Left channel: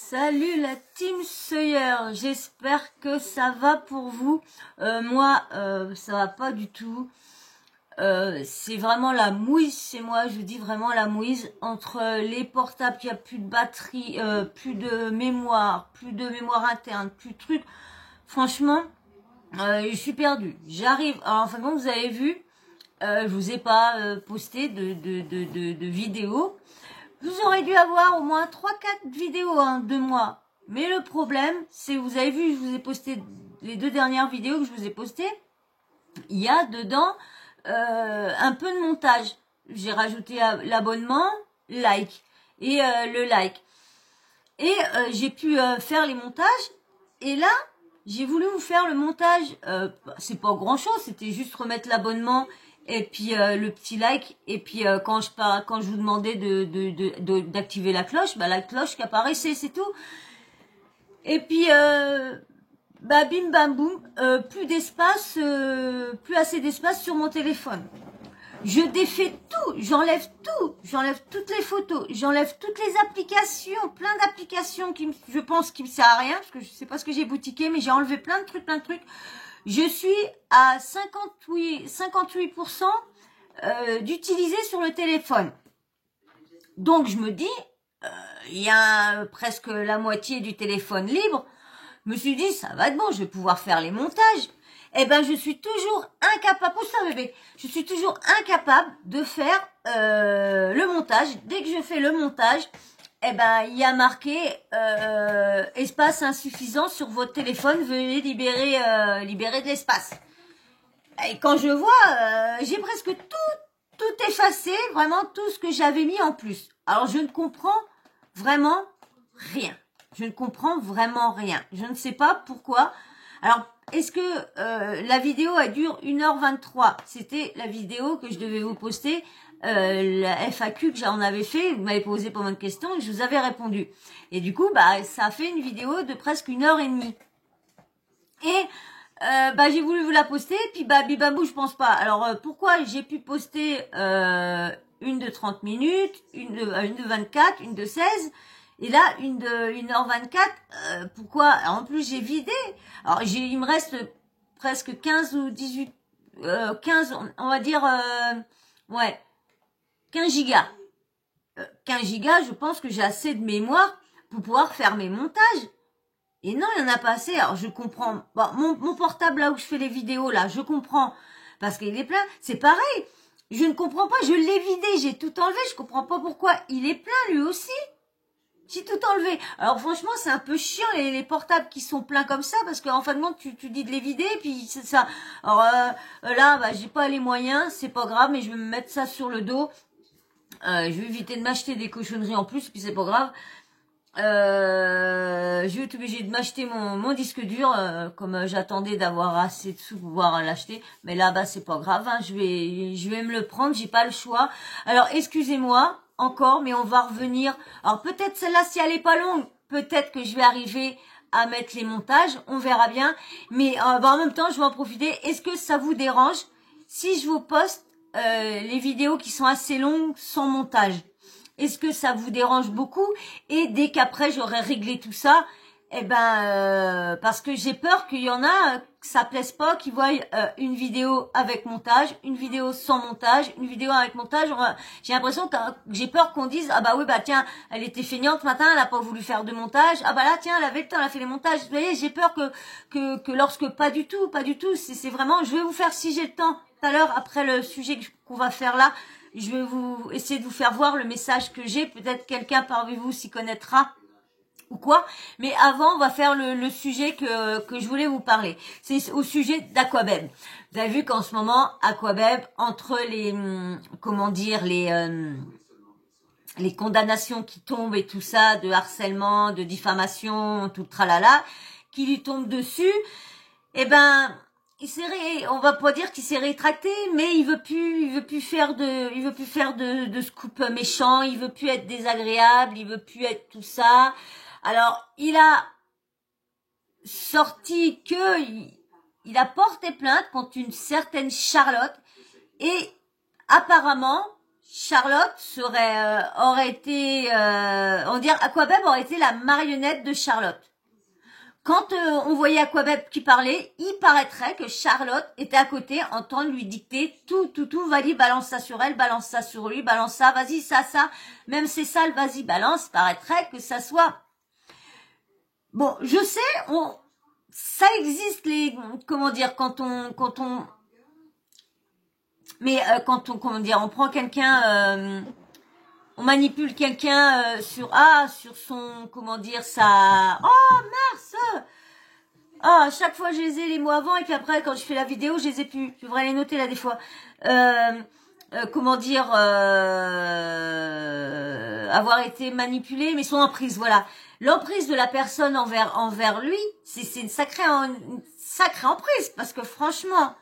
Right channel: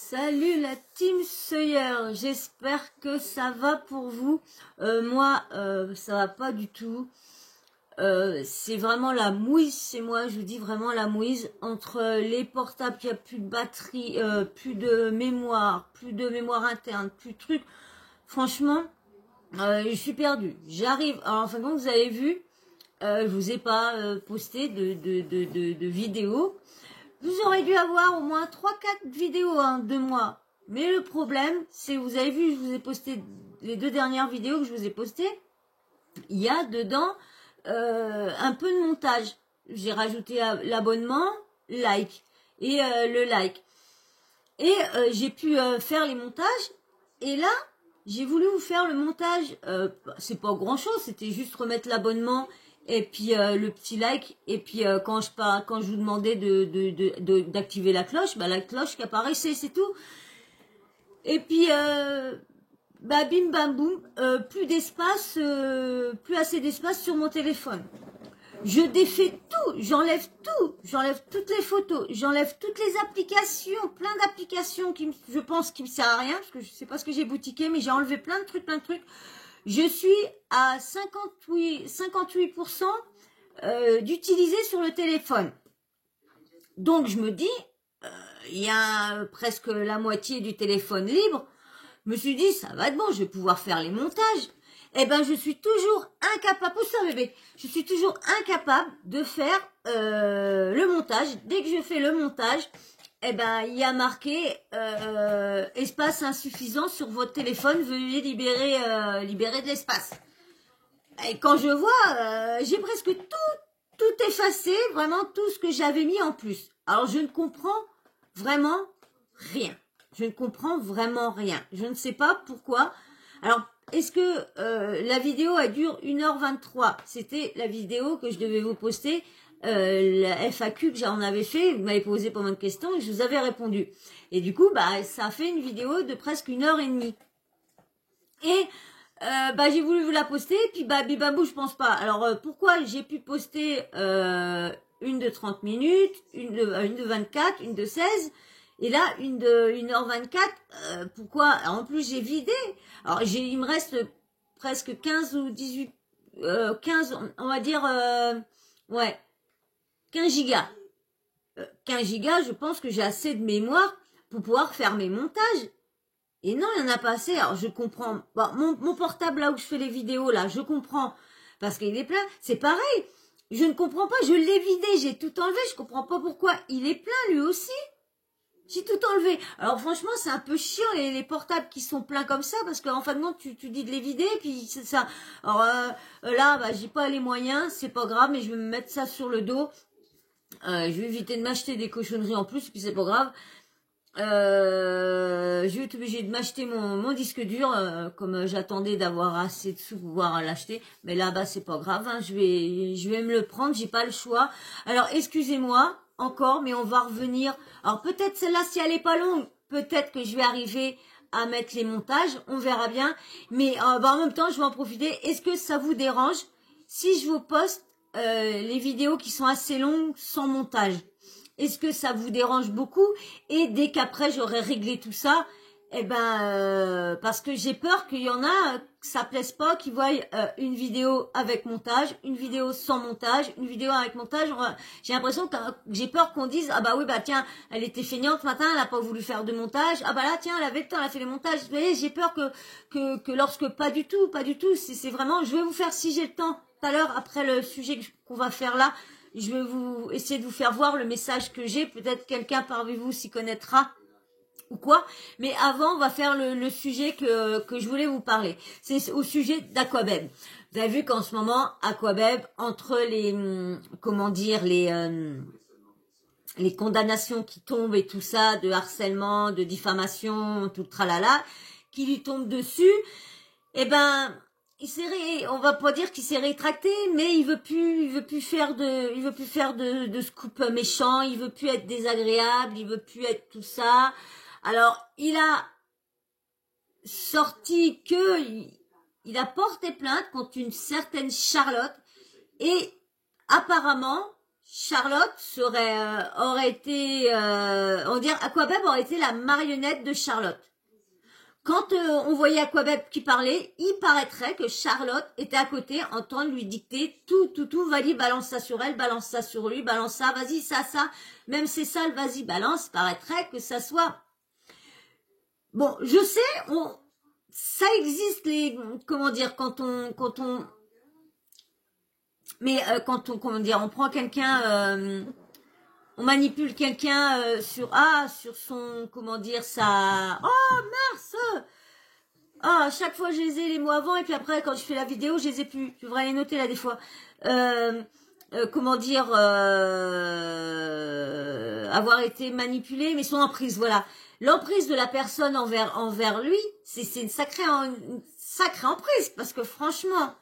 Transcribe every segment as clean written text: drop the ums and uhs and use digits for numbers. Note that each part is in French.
Salut la team Sawyer, j'espère que ça va pour vous. Moi, ça va pas du tout. C'est vraiment la mouise chez moi, je vous dis vraiment la mouise. Entre les portables, il n'y a plus de batterie, plus de mémoire interne, plus de trucs. Franchement, je suis perdue. J'arrive, alors enfin bon, vous avez vu, je vous ai pas posté de vidéos. Vous aurez dû avoir au moins 3-4 vidéos de moi. Mais le problème, c'est, vous avez vu, je vous ai posté les 2 dernières vidéos que je vous ai postées. Il y a dedans un peu de montage. J'ai rajouté l'abonnement, like et le like. Et j'ai pu faire les montages. Et là, j'ai voulu vous faire le montage. C'est pas grand chose, c'était juste remettre l'abonnement et puis le petit like. Et puis quand je vous demandais d'activer la cloche, la cloche qui apparaissait, c'est tout. Et puis bim bam boum, plus d'espace, plus assez d'espace sur mon téléphone. Je défais tout, j'enlève toutes les photos, j'enlève toutes les applications, plein d'applications qui, je pense, qui me servent à rien, parce que je sais pas ce que j'ai boutiqué, mais j'ai enlevé plein de trucs. Je suis à 58% d'utiliser sur le téléphone. Donc je me dis, il y a presque la moitié du téléphone libre. Je me suis dit, ça va être bon, je vais pouvoir faire les montages. Eh ben, je suis toujours incapable, pousse ça bébé, je suis toujours incapable de faire le montage. Dès que je fais le montage, eh ben, il y a marqué espace insuffisant sur votre téléphone, veuillez libérer de l'espace. Et quand je vois, j'ai presque tout effacé, vraiment tout ce que j'avais mis en plus. Alors, je ne comprends vraiment rien. Je ne comprends vraiment rien. Je ne sais pas pourquoi. Alors, est-ce que la vidéo, elle dure 1h23? C'était la vidéo que je devais vous poster, la FAQ que j'en avais fait. Vous m'avez posé pas mal de questions et je vous avais répondu. Et du coup, ça a fait une vidéo de presque 1h30. Et j'ai voulu vous la poster, puis bibambou, je pense pas. Alors, pourquoi j'ai pu poster une de 30 minutes, une de 24, une de 16 et là, une de 1h24, pourquoi? En plus, j'ai vidé. Alors, il me reste presque 15 ou 18, 15, on va dire, 15 gigas. 15 gigas, je pense que j'ai assez de mémoire pour pouvoir faire mes montages. Et non, il n'y en a pas assez. Alors, je comprends. Bon, mon portable, là où je fais les vidéos, là, je comprends. Parce qu'il est plein. C'est pareil. Je ne comprends pas. Je l'ai vidé. J'ai tout enlevé. Je comprends pas pourquoi il est plein, lui aussi. J'ai tout enlevé. Alors franchement, c'est un peu chiant les portables qui sont pleins comme ça parce qu'en fin de compte, tu dis de les vider puis c'est ça. Alors là, j'ai pas les moyens, c'est pas grave, mais je vais me mettre ça sur le dos. Je vais éviter de m'acheter des cochonneries en plus, puis c'est pas grave. Je vais être obligée de m'acheter mon disque dur, comme j'attendais d'avoir assez de sous pour pouvoir l'acheter. Mais là, c'est pas grave, hein, je vais me le prendre, j'ai pas le choix. Alors, excusez-moi encore, mais on va revenir. Alors, peut-être celle-là, si elle est pas longue, peut-être que je vais arriver à mettre les montages, on verra bien. Mais en même temps, je vais en profiter. Est-ce que ça vous dérange si je vous poste les vidéos qui sont assez longues sans montage? Est-ce que ça vous dérange beaucoup? Et dès qu'après j'aurai réglé tout ça, parce que j'ai peur qu'il y en a que ça plaise pas, qui voient une vidéo avec montage, une vidéo sans montage, une vidéo avec montage. J'ai l'impression que j'ai peur qu'on dise tiens, elle était feignante ce matin, elle a pas voulu faire de montage. Là tiens, elle avait le temps, elle a fait les montages. Vous voyez, j'ai peur que lorsque pas du tout, c'est vraiment, je vais vous faire si j'ai le temps tout à l'heure après le sujet qu'on va faire là. Je vais vous essayer de vous faire voir le message que j'ai. Peut-être quelqu'un parmi vous s'y connaîtra ou quoi. Mais avant, on va faire le sujet que je voulais vous parler. C'est au sujet d'Aquabeb. Vous avez vu qu'en ce moment, Aquabeb, entre les condamnations qui tombent et tout ça, de harcèlement, de diffamation, tout le tralala, qui lui tombe dessus, on va pas dire qu'il s'est rétracté, mais il veut plus faire de scoop méchant, il veut plus être désagréable, il veut plus être tout ça. Alors, il a sorti il a porté plainte contre une certaine Charlotte et apparemment, Charlotte aurait été, on dirait Aquabeb aurait été la marionnette de Charlotte. Quand on voyait Aquabeb qui parlait, il paraîtrait que Charlotte était à côté en train de lui dicter tout, vas-y, balance ça sur elle, balance ça sur lui, balance ça, vas-y, ça, même c'est sale, vas-y, balance, paraîtrait que ça soit... Bon, je sais, ça existe comment dire, quand on on prend quelqu'un, on manipule quelqu'un sur son, comment dire, ça, oh mince, à chaque fois je les ai les mots avant et puis après quand je fais la vidéo je les ai plus, je devrais les noter là des fois, comment dire, avoir été manipulé, mais son emprise, voilà, l'emprise de la personne envers lui, c'est une sacrée emprise, parce que franchement,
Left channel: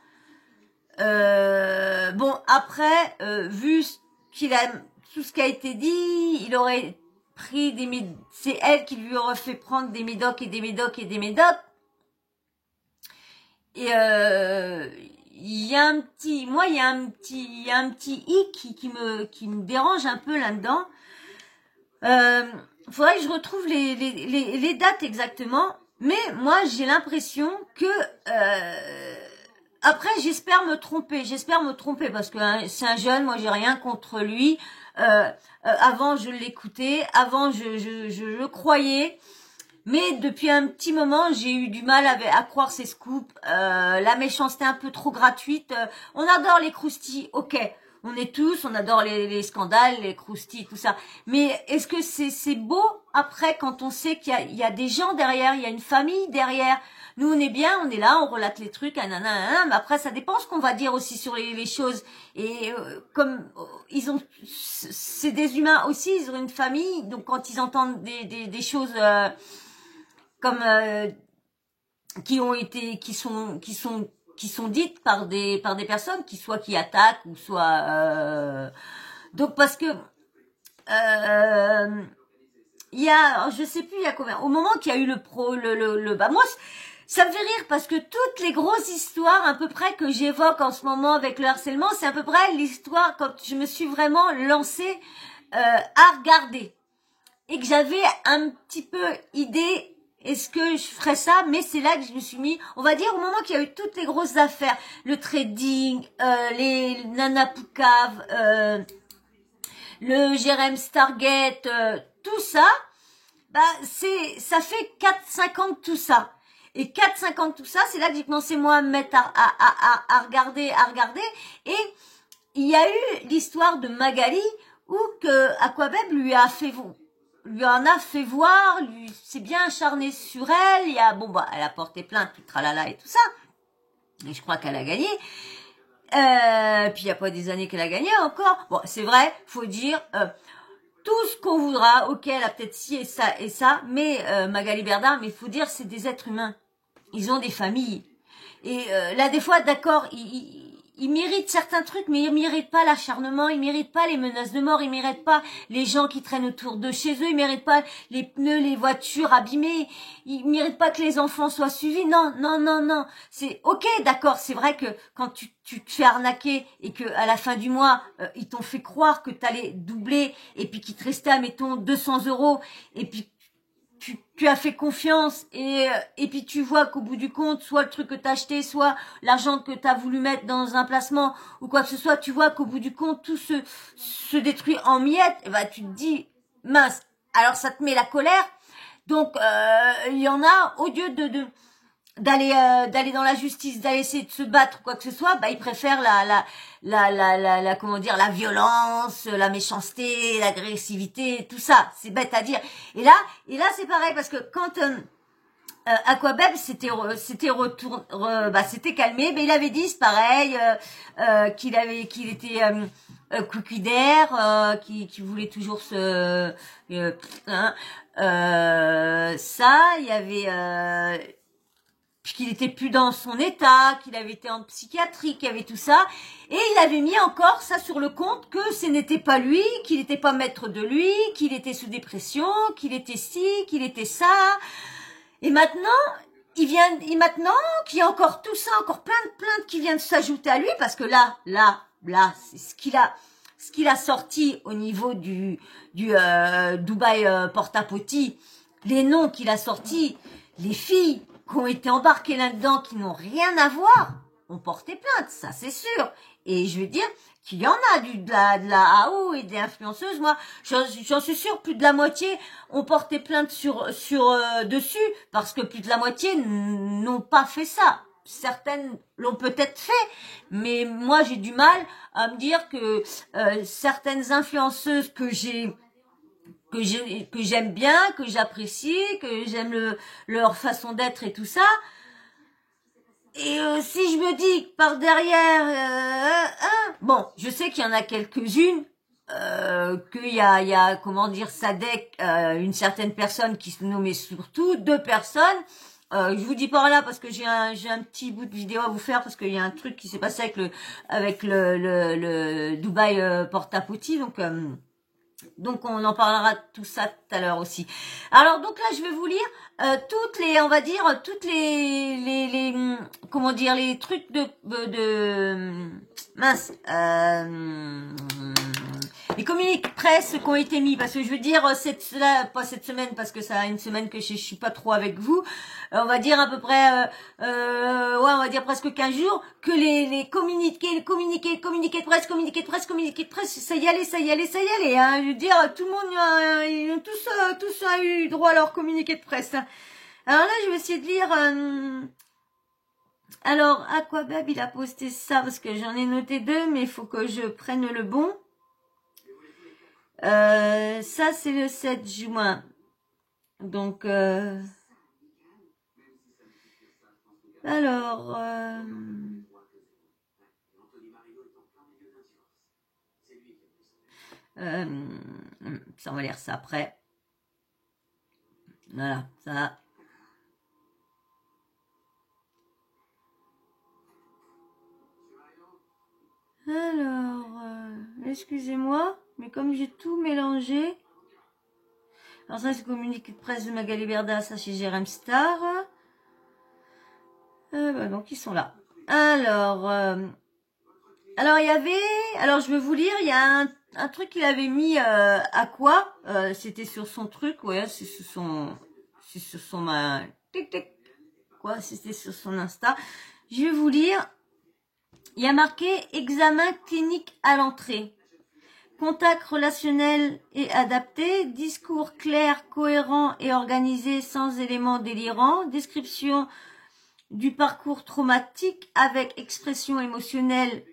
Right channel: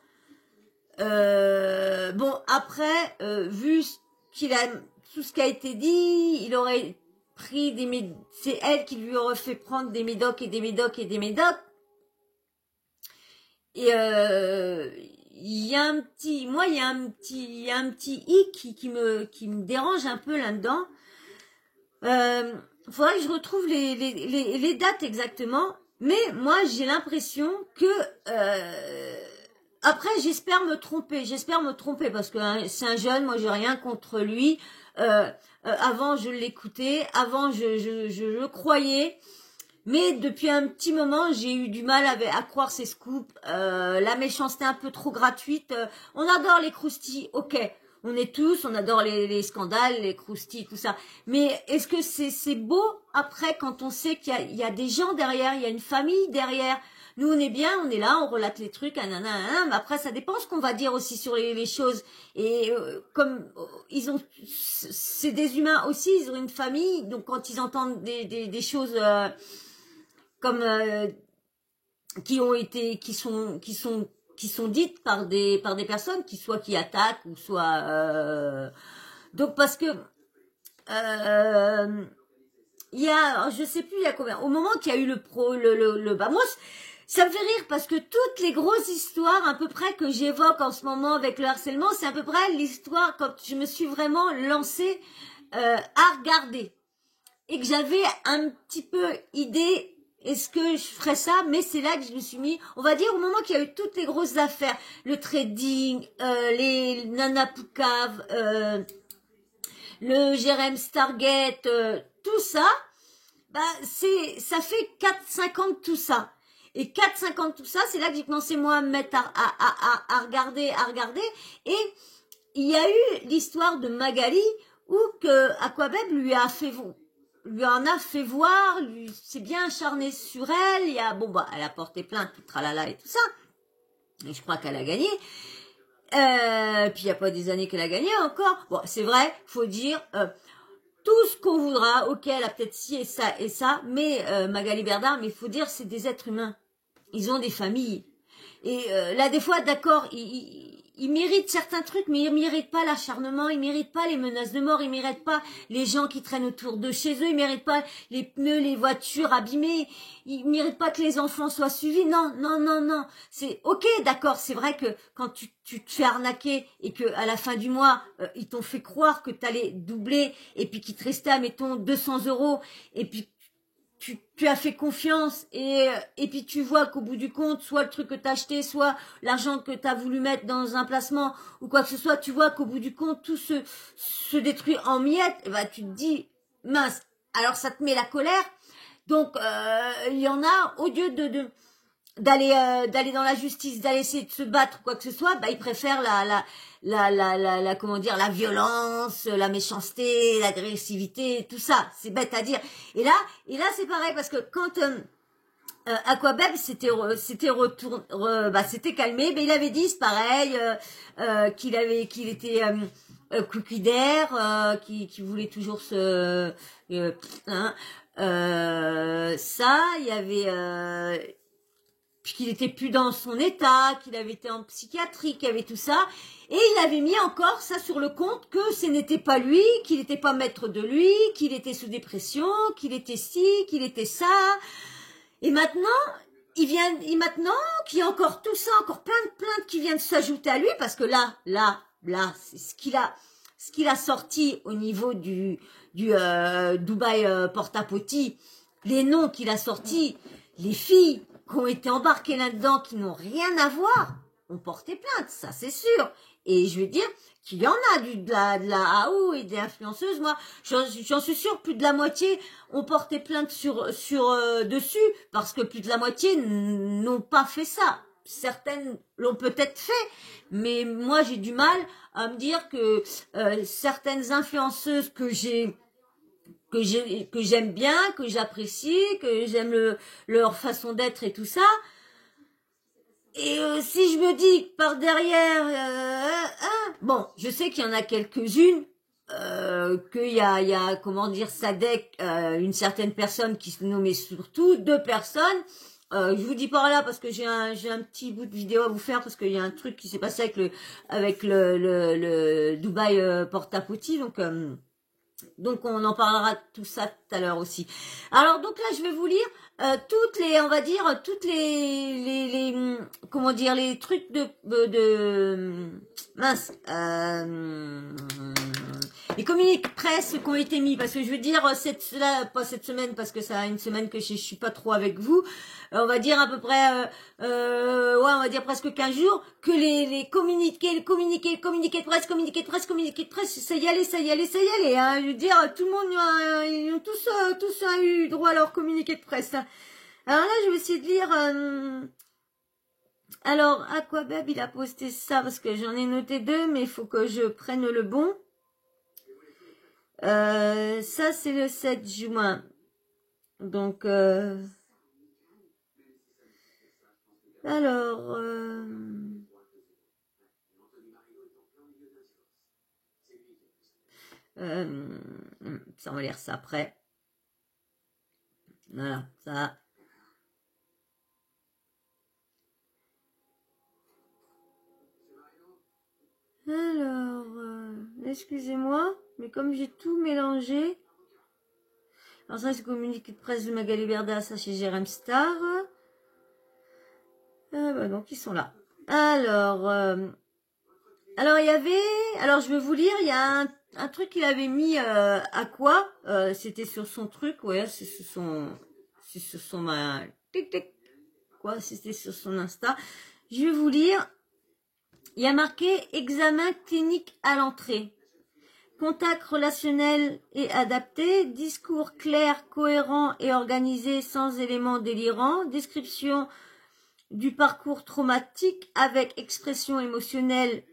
bon, après, vu qu'il a tout ce qui a été dit, il aurait pris c'est elle qui lui aurait fait prendre des médocs et des médocs et des médocs. Et il y a un petit hic qui me dérange un peu là-dedans. Faudrait que je retrouve les dates exactement, mais moi j'ai l'impression que après, j'espère me tromper parce que hein, c'est un jeune, moi j'ai rien contre lui. Avant je l'écoutais, avant je le croyais, mais depuis un petit moment j'ai eu du mal à croire ces scoops. La méchanceté un peu trop gratuite. On adore les croustilles, ok. On adore les scandales, les croustilles, tout ça. Mais est-ce que c'est beau après quand on sait qu'il y a des gens derrière, il y a une famille derrière? Nous, on est bien, on est là, on relate les trucs, mais après, ça dépend ce qu'on va dire aussi sur les choses. Et comme c'est des humains aussi, ils ont une famille, donc quand ils entendent des choses comme qui sont dites par des personnes qui attaquent ou soit donc parce que il y a, je sais plus il y a combien, au moment qu'il y a eu bah moi ça me fait rire parce que toutes les grosses histoires à peu près que j'évoque en ce moment avec le harcèlement, c'est à peu près l'histoire quand je me suis vraiment lancée à regarder et que j'avais un petit peu idée. Est-ce que je ferais ça? Mais c'est là que je me suis mis, on va dire, au moment qu'il y a eu toutes les grosses affaires, le trading, les Nana Poucave, le Jérém Stargate, tout ça, bah ça fait 4-5 ans de tout ça. Et 4-5 ans de tout ça, c'est là que j'ai commencé moi à me mettre à regarder. Et il y a eu l'histoire de Magali où que Aquabeb lui en a fait voir, lui s'est bien acharné sur elle. Elle a porté plainte, tout tralala et tout ça. Et je crois qu'elle a gagné. Puis il n'y a pas des années qu'elle a gagné encore. Bon, c'est vrai, faut dire tout ce qu'on voudra. Ok, elle a peut-être ci et ça, mais Magali Berda, mais il faut dire, c'est des êtres humains. Ils ont des familles. Et là, des fois, d'accord, ils méritent certains trucs, mais ils méritent pas l'acharnement, ils méritent pas les menaces de mort, ils méritent pas les gens qui traînent autour de chez eux, ils méritent pas les pneus, les voitures abîmées, ils méritent pas que les enfants soient suivis. Non. C'est ok, d'accord, c'est vrai que quand tu te fais arnaquer et que à la fin du mois, ils t'ont fait croire que t'allais doubler et puis qu'il te restait, mettons, 200 € et puis tu as fait confiance et puis tu vois qu'au bout du compte, soit le truc que t'as acheté, soit l'argent que t'as voulu mettre dans un placement ou quoi que ce soit, tu vois qu'au bout du compte, tout se détruit en miettes, et bah, tu te dis, mince, alors ça te met la colère. Donc, il y en a, au lieu d'aller dans la justice, d'aller essayer de se battre ou quoi que ce soit, bah ils préfèrent comment dire, la violence, la méchanceté, l'agressivité, tout ça. C'est bête à dire. Et là c'est pareil parce que quand Aquabeb s'était calmé, mais il avait dit c'est pareil qu'il était couquidaire, qui voulait toujours ça, il y avait puis qu'il était plus dans son état, qu'il avait été en psychiatrie, qu'il y avait tout ça, et il avait mis encore ça sur le compte que ce n'était pas lui, qu'il n'était pas maître de lui, qu'il était sous dépression, qu'il était ci, qu'il était ça, et maintenant, maintenant qu'il y a encore tout ça, encore plein de plaintes qui viennent s'ajouter à lui, parce que là, c'est ce qu'il a, ce qu'il a sorti au niveau du Dubaï Porta-Potty, les noms qu'il a sortis, les filles qui ont été embarquées là-dedans, qui n'ont rien à voir, ont porté plainte, ça c'est sûr. Et je veux dire qu'il y en a de la AO et des influenceuses. Moi, j'en suis sûre, plus de la moitié ont porté plainte dessus, parce que plus de la moitié n'ont pas fait ça. Certaines l'ont peut-être fait, mais moi j'ai du mal à me dire que certaines influenceuses que j'aime bien, que j'apprécie, que j'aime leur façon d'être et tout ça. Et si je me dis que par derrière, bon, je sais qu'il y en a quelques-unes, qu'il y a, comment dire, Sadek, une certaine personne qui se nommait surtout, 2 personnes. Je vous dis par là parce que j'ai un petit bout de vidéo à vous faire parce qu'il y a un truc qui s'est passé avec le Dubaï Porta-Potty, donc on en parlera de tout ça tout à l'heure aussi. Alors donc là je vais vous lire toutes les, on va dire toutes les comment dire, les trucs de mince, les communiqués de presse qui ont été mis, parce que je veux dire pas cette semaine parce que ça a une semaine que je suis pas trop avec vous, on va dire à peu près ouais, on va dire presque 15 jours que les communiqués de presse, ça y allait, hein. Je veux dire, tout le monde, ils ont tous eu droit à leur communiqué de presse, hein. Alors là, je vais essayer de lire. Alors, Aquabab, il a posté ça parce que j'en ai noté 2, mais il faut que je prenne le bon. Ça, c'est le 7 juin. Donc, alors, ça, on va lire ça après. Voilà, ça. Alors, excusez-moi, mais comme j'ai tout mélangé. Alors ça, c'est le communiqué de presse de Magali Berda, ça chez Jérém Star. Bah donc, ils sont là. Alors, il y avait... Alors, je vais vous lire, il y a un truc qu'il avait mis à quoi c'était sur son truc, ouais, c'est sur son... Quoi, c'était sur son Insta. Je vais vous lire. Il y a marqué « Examen clinique à l'entrée ». Contact relationnel et adapté, discours clair, cohérent et organisé sans éléments délirants, description du parcours traumatique avec expression émotionnelle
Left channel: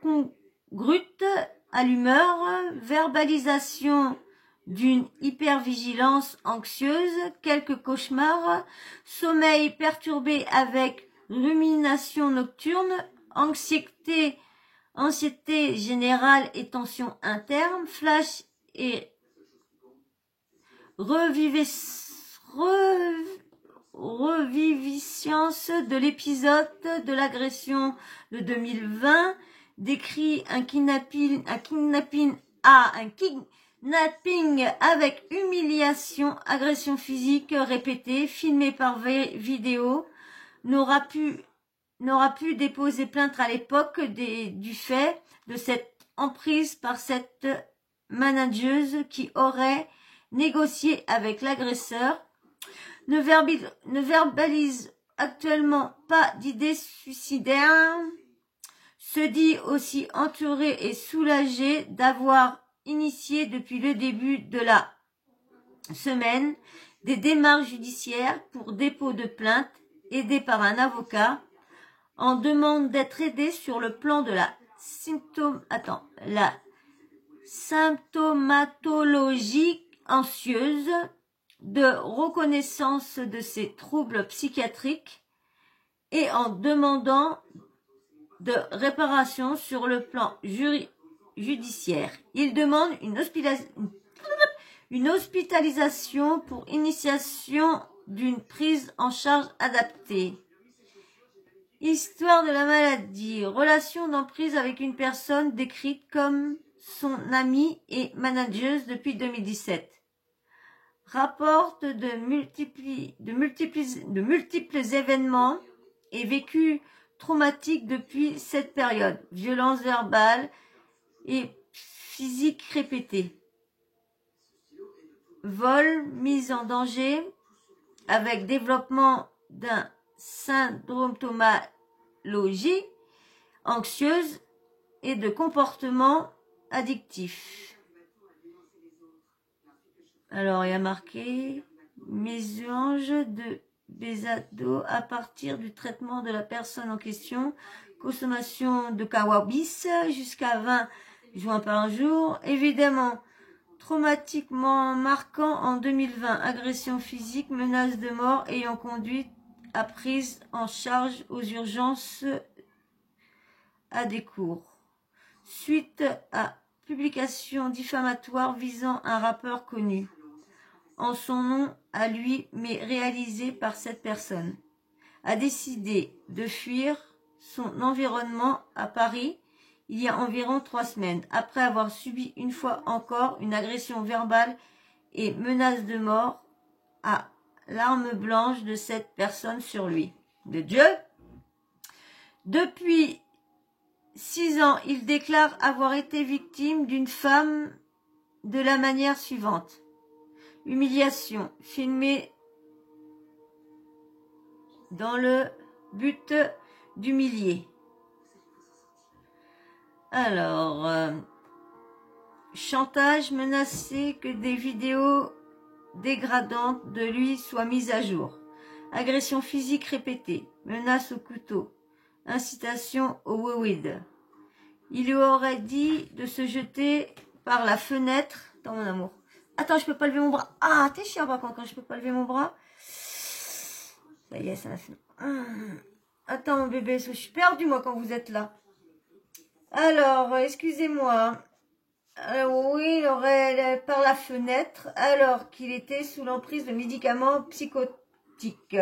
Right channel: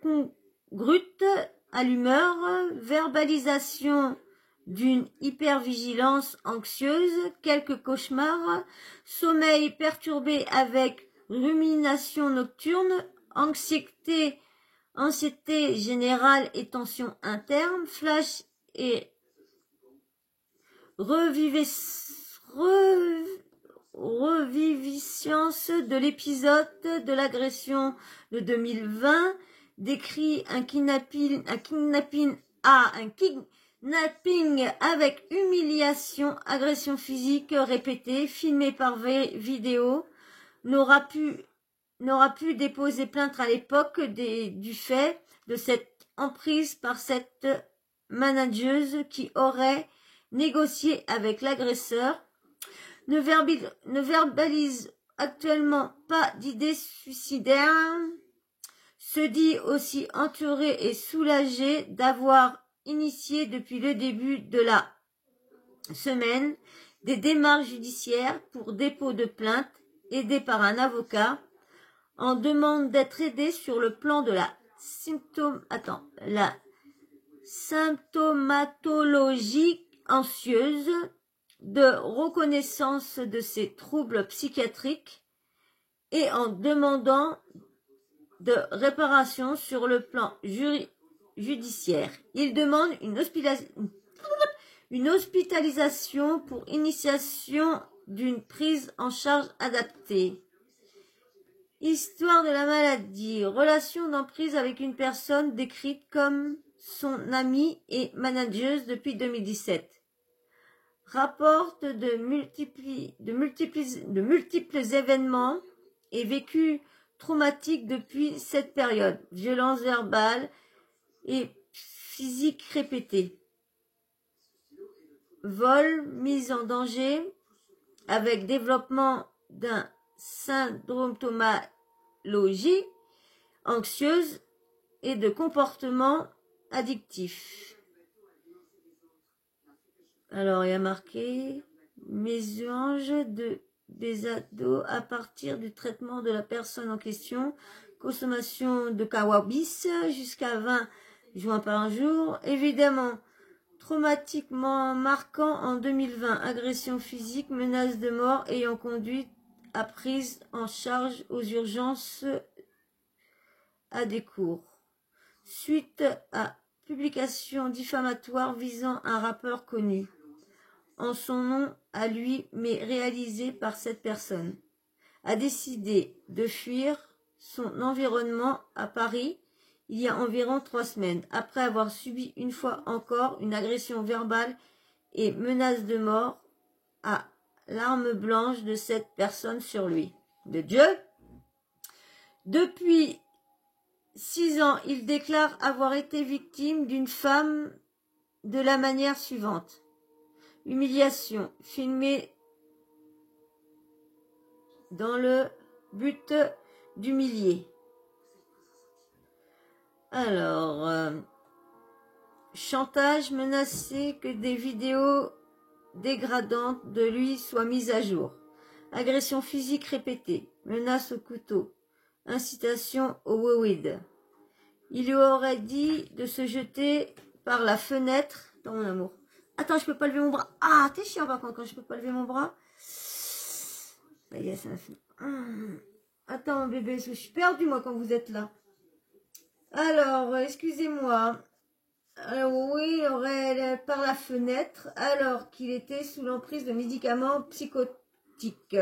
congrue à l'humeur, verbalisation d'une hypervigilance anxieuse, quelques cauchemars, sommeil perturbé avec rumination nocturne, anxiété générale et tension interne, flash et reviviscence de l'épisode de l'agression de 2020, décrit un kidnapping avec humiliation, agression physique répétée, filmé par vidéo, n'aura pu déposer plainte à l'époque du fait de cette emprise par cette manageuse qui aurait négocié avec l'agresseur, ne verbalise actuellement pas d'idées suicidaires, se dit aussi entouré et soulagé d'avoir initié depuis le début de la semaine des démarches judiciaires pour dépôt de plainte, aidé par un avocat, en demande d'être aidé sur le plan de la symptomatologie anxieuse, de reconnaissance de ses troubles psychiatriques et en demandant de réparation sur le plan judiciaire. Il demande une hospitalisation pour initiation d'une prise en charge adaptée. Histoire de la maladie, relation d'emprise avec une personne décrite comme son amie et manageuse depuis 2017. Rapporte de multiples événements et vécus traumatique depuis cette période. Violence verbale et physique répétée. Vol, mise en danger, avec développement d'un syndromatologie anxieuse et de comportement addictif. Alors, il y a marqué mésange de Bézado à partir du traitement de la personne en question, consommation de cannabis jusqu'à 20 joints par jour, évidemment traumatiquement marquant en 2020, agression physique, menace de mort ayant conduit à prise en charge aux urgences à des cours. Suite à publication diffamatoire visant un rappeur connu, en son nom à lui, mais réalisé par cette personne, a décidé de fuir son environnement à Paris il y a environ 3 semaines, après avoir subi une fois encore une agression verbale et menace de mort à l'arme blanche de cette personne sur lui. De Dieu. Depuis 6 ans, il déclare avoir été victime d'une femme de la manière suivante. Humiliation, filmée dans le but d'humilier. Alors, chantage, menacé que des vidéos dégradantes de lui soient mises à jour. Agression physique répétée, menace au couteau, incitation au weed. Il lui aurait dit de se jeter par la fenêtre dans mon amour. Attends, je peux pas lever mon bras. Ah, t'es chiant par contre quand je peux pas lever mon bras. Ça y est, ça a fait. Attends, mon bébé, je suis perdue moi quand vous êtes là. Alors, excusez-moi. Oui, il aurait par la fenêtre alors qu'il était sous l'emprise de médicaments psychotiques.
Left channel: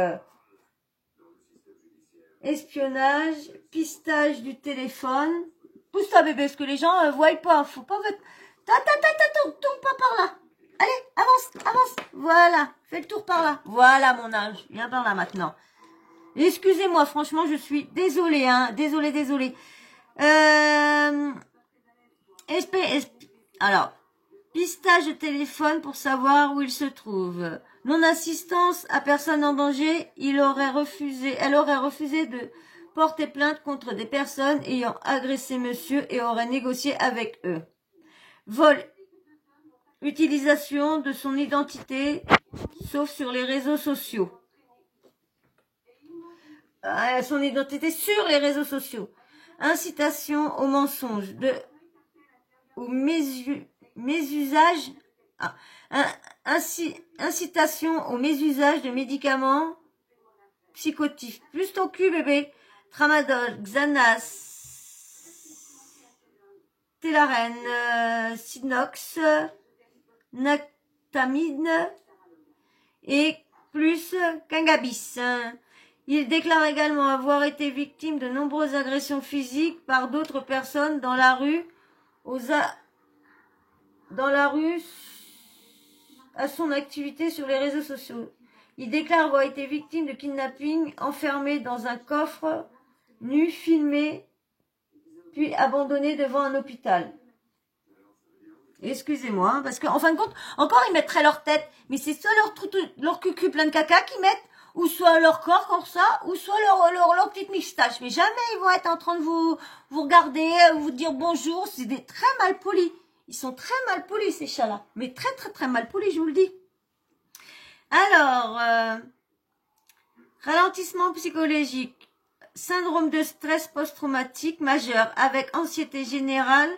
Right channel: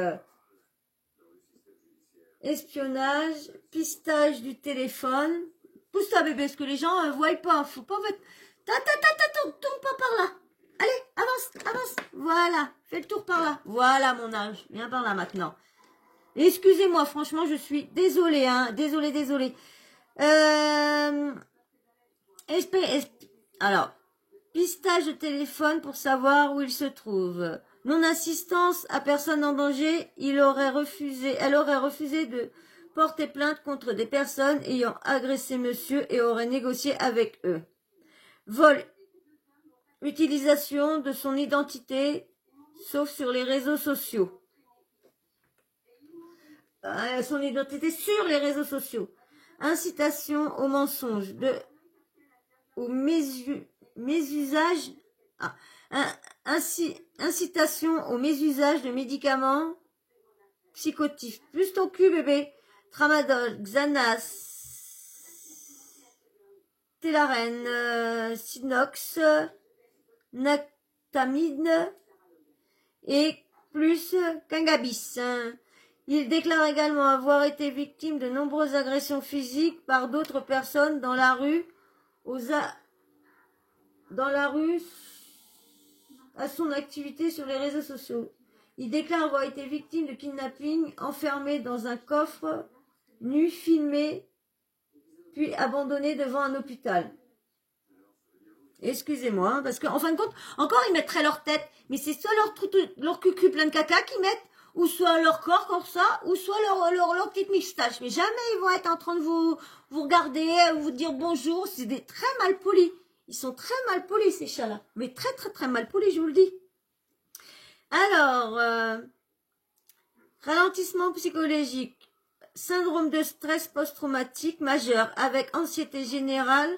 Espionnage, pistage du téléphone. Pousse-toi bébé, parce que les gens voient pas. Faut pas... Tourne pas par là. Allez, avance. Voilà, fais le tour par là. Voilà mon âge, viens par là maintenant. Excusez-moi, franchement, je suis désolée, hein. Désolée. Alors, pistage de téléphone pour savoir où il se trouve. Non-assistance à personne en danger, elle aurait refusé de porter plainte contre des personnes ayant agressé monsieur et aurait négocié avec eux. Vol, utilisation de son identité, sauf sur les réseaux sociaux. Son identité sur les réseaux sociaux. Incitation au mensonge, au mésusage, incitation au mésusage de médicaments psychotifs. Plus ton cul, bébé. Tramadol, Xanax, Telarène, Sinox, Nactamine et plus cannabis. Il déclare également avoir été victime de nombreuses agressions physiques par d'autres personnes dans la rue, à son activité sur les réseaux sociaux. Il déclare avoir été victime de kidnapping, enfermé dans un coffre, nu, filmé, puis abandonné devant un hôpital. Excusez-moi, parce qu'en fin de compte, encore ils mettraient leur tête, mais c'est soit leur cucu plein de caca qu'ils mettent, ou soit leur corps comme ça, ou soit leur petite moustache. Mais jamais ils vont être en train de vous regarder, vous dire bonjour. C'est des très mal polis. Ils sont très mal polis ces chats-là. Mais très mal polis, je vous le dis. Alors, ralentissement psychologique, syndrome de stress post-traumatique majeur avec anxiété générale,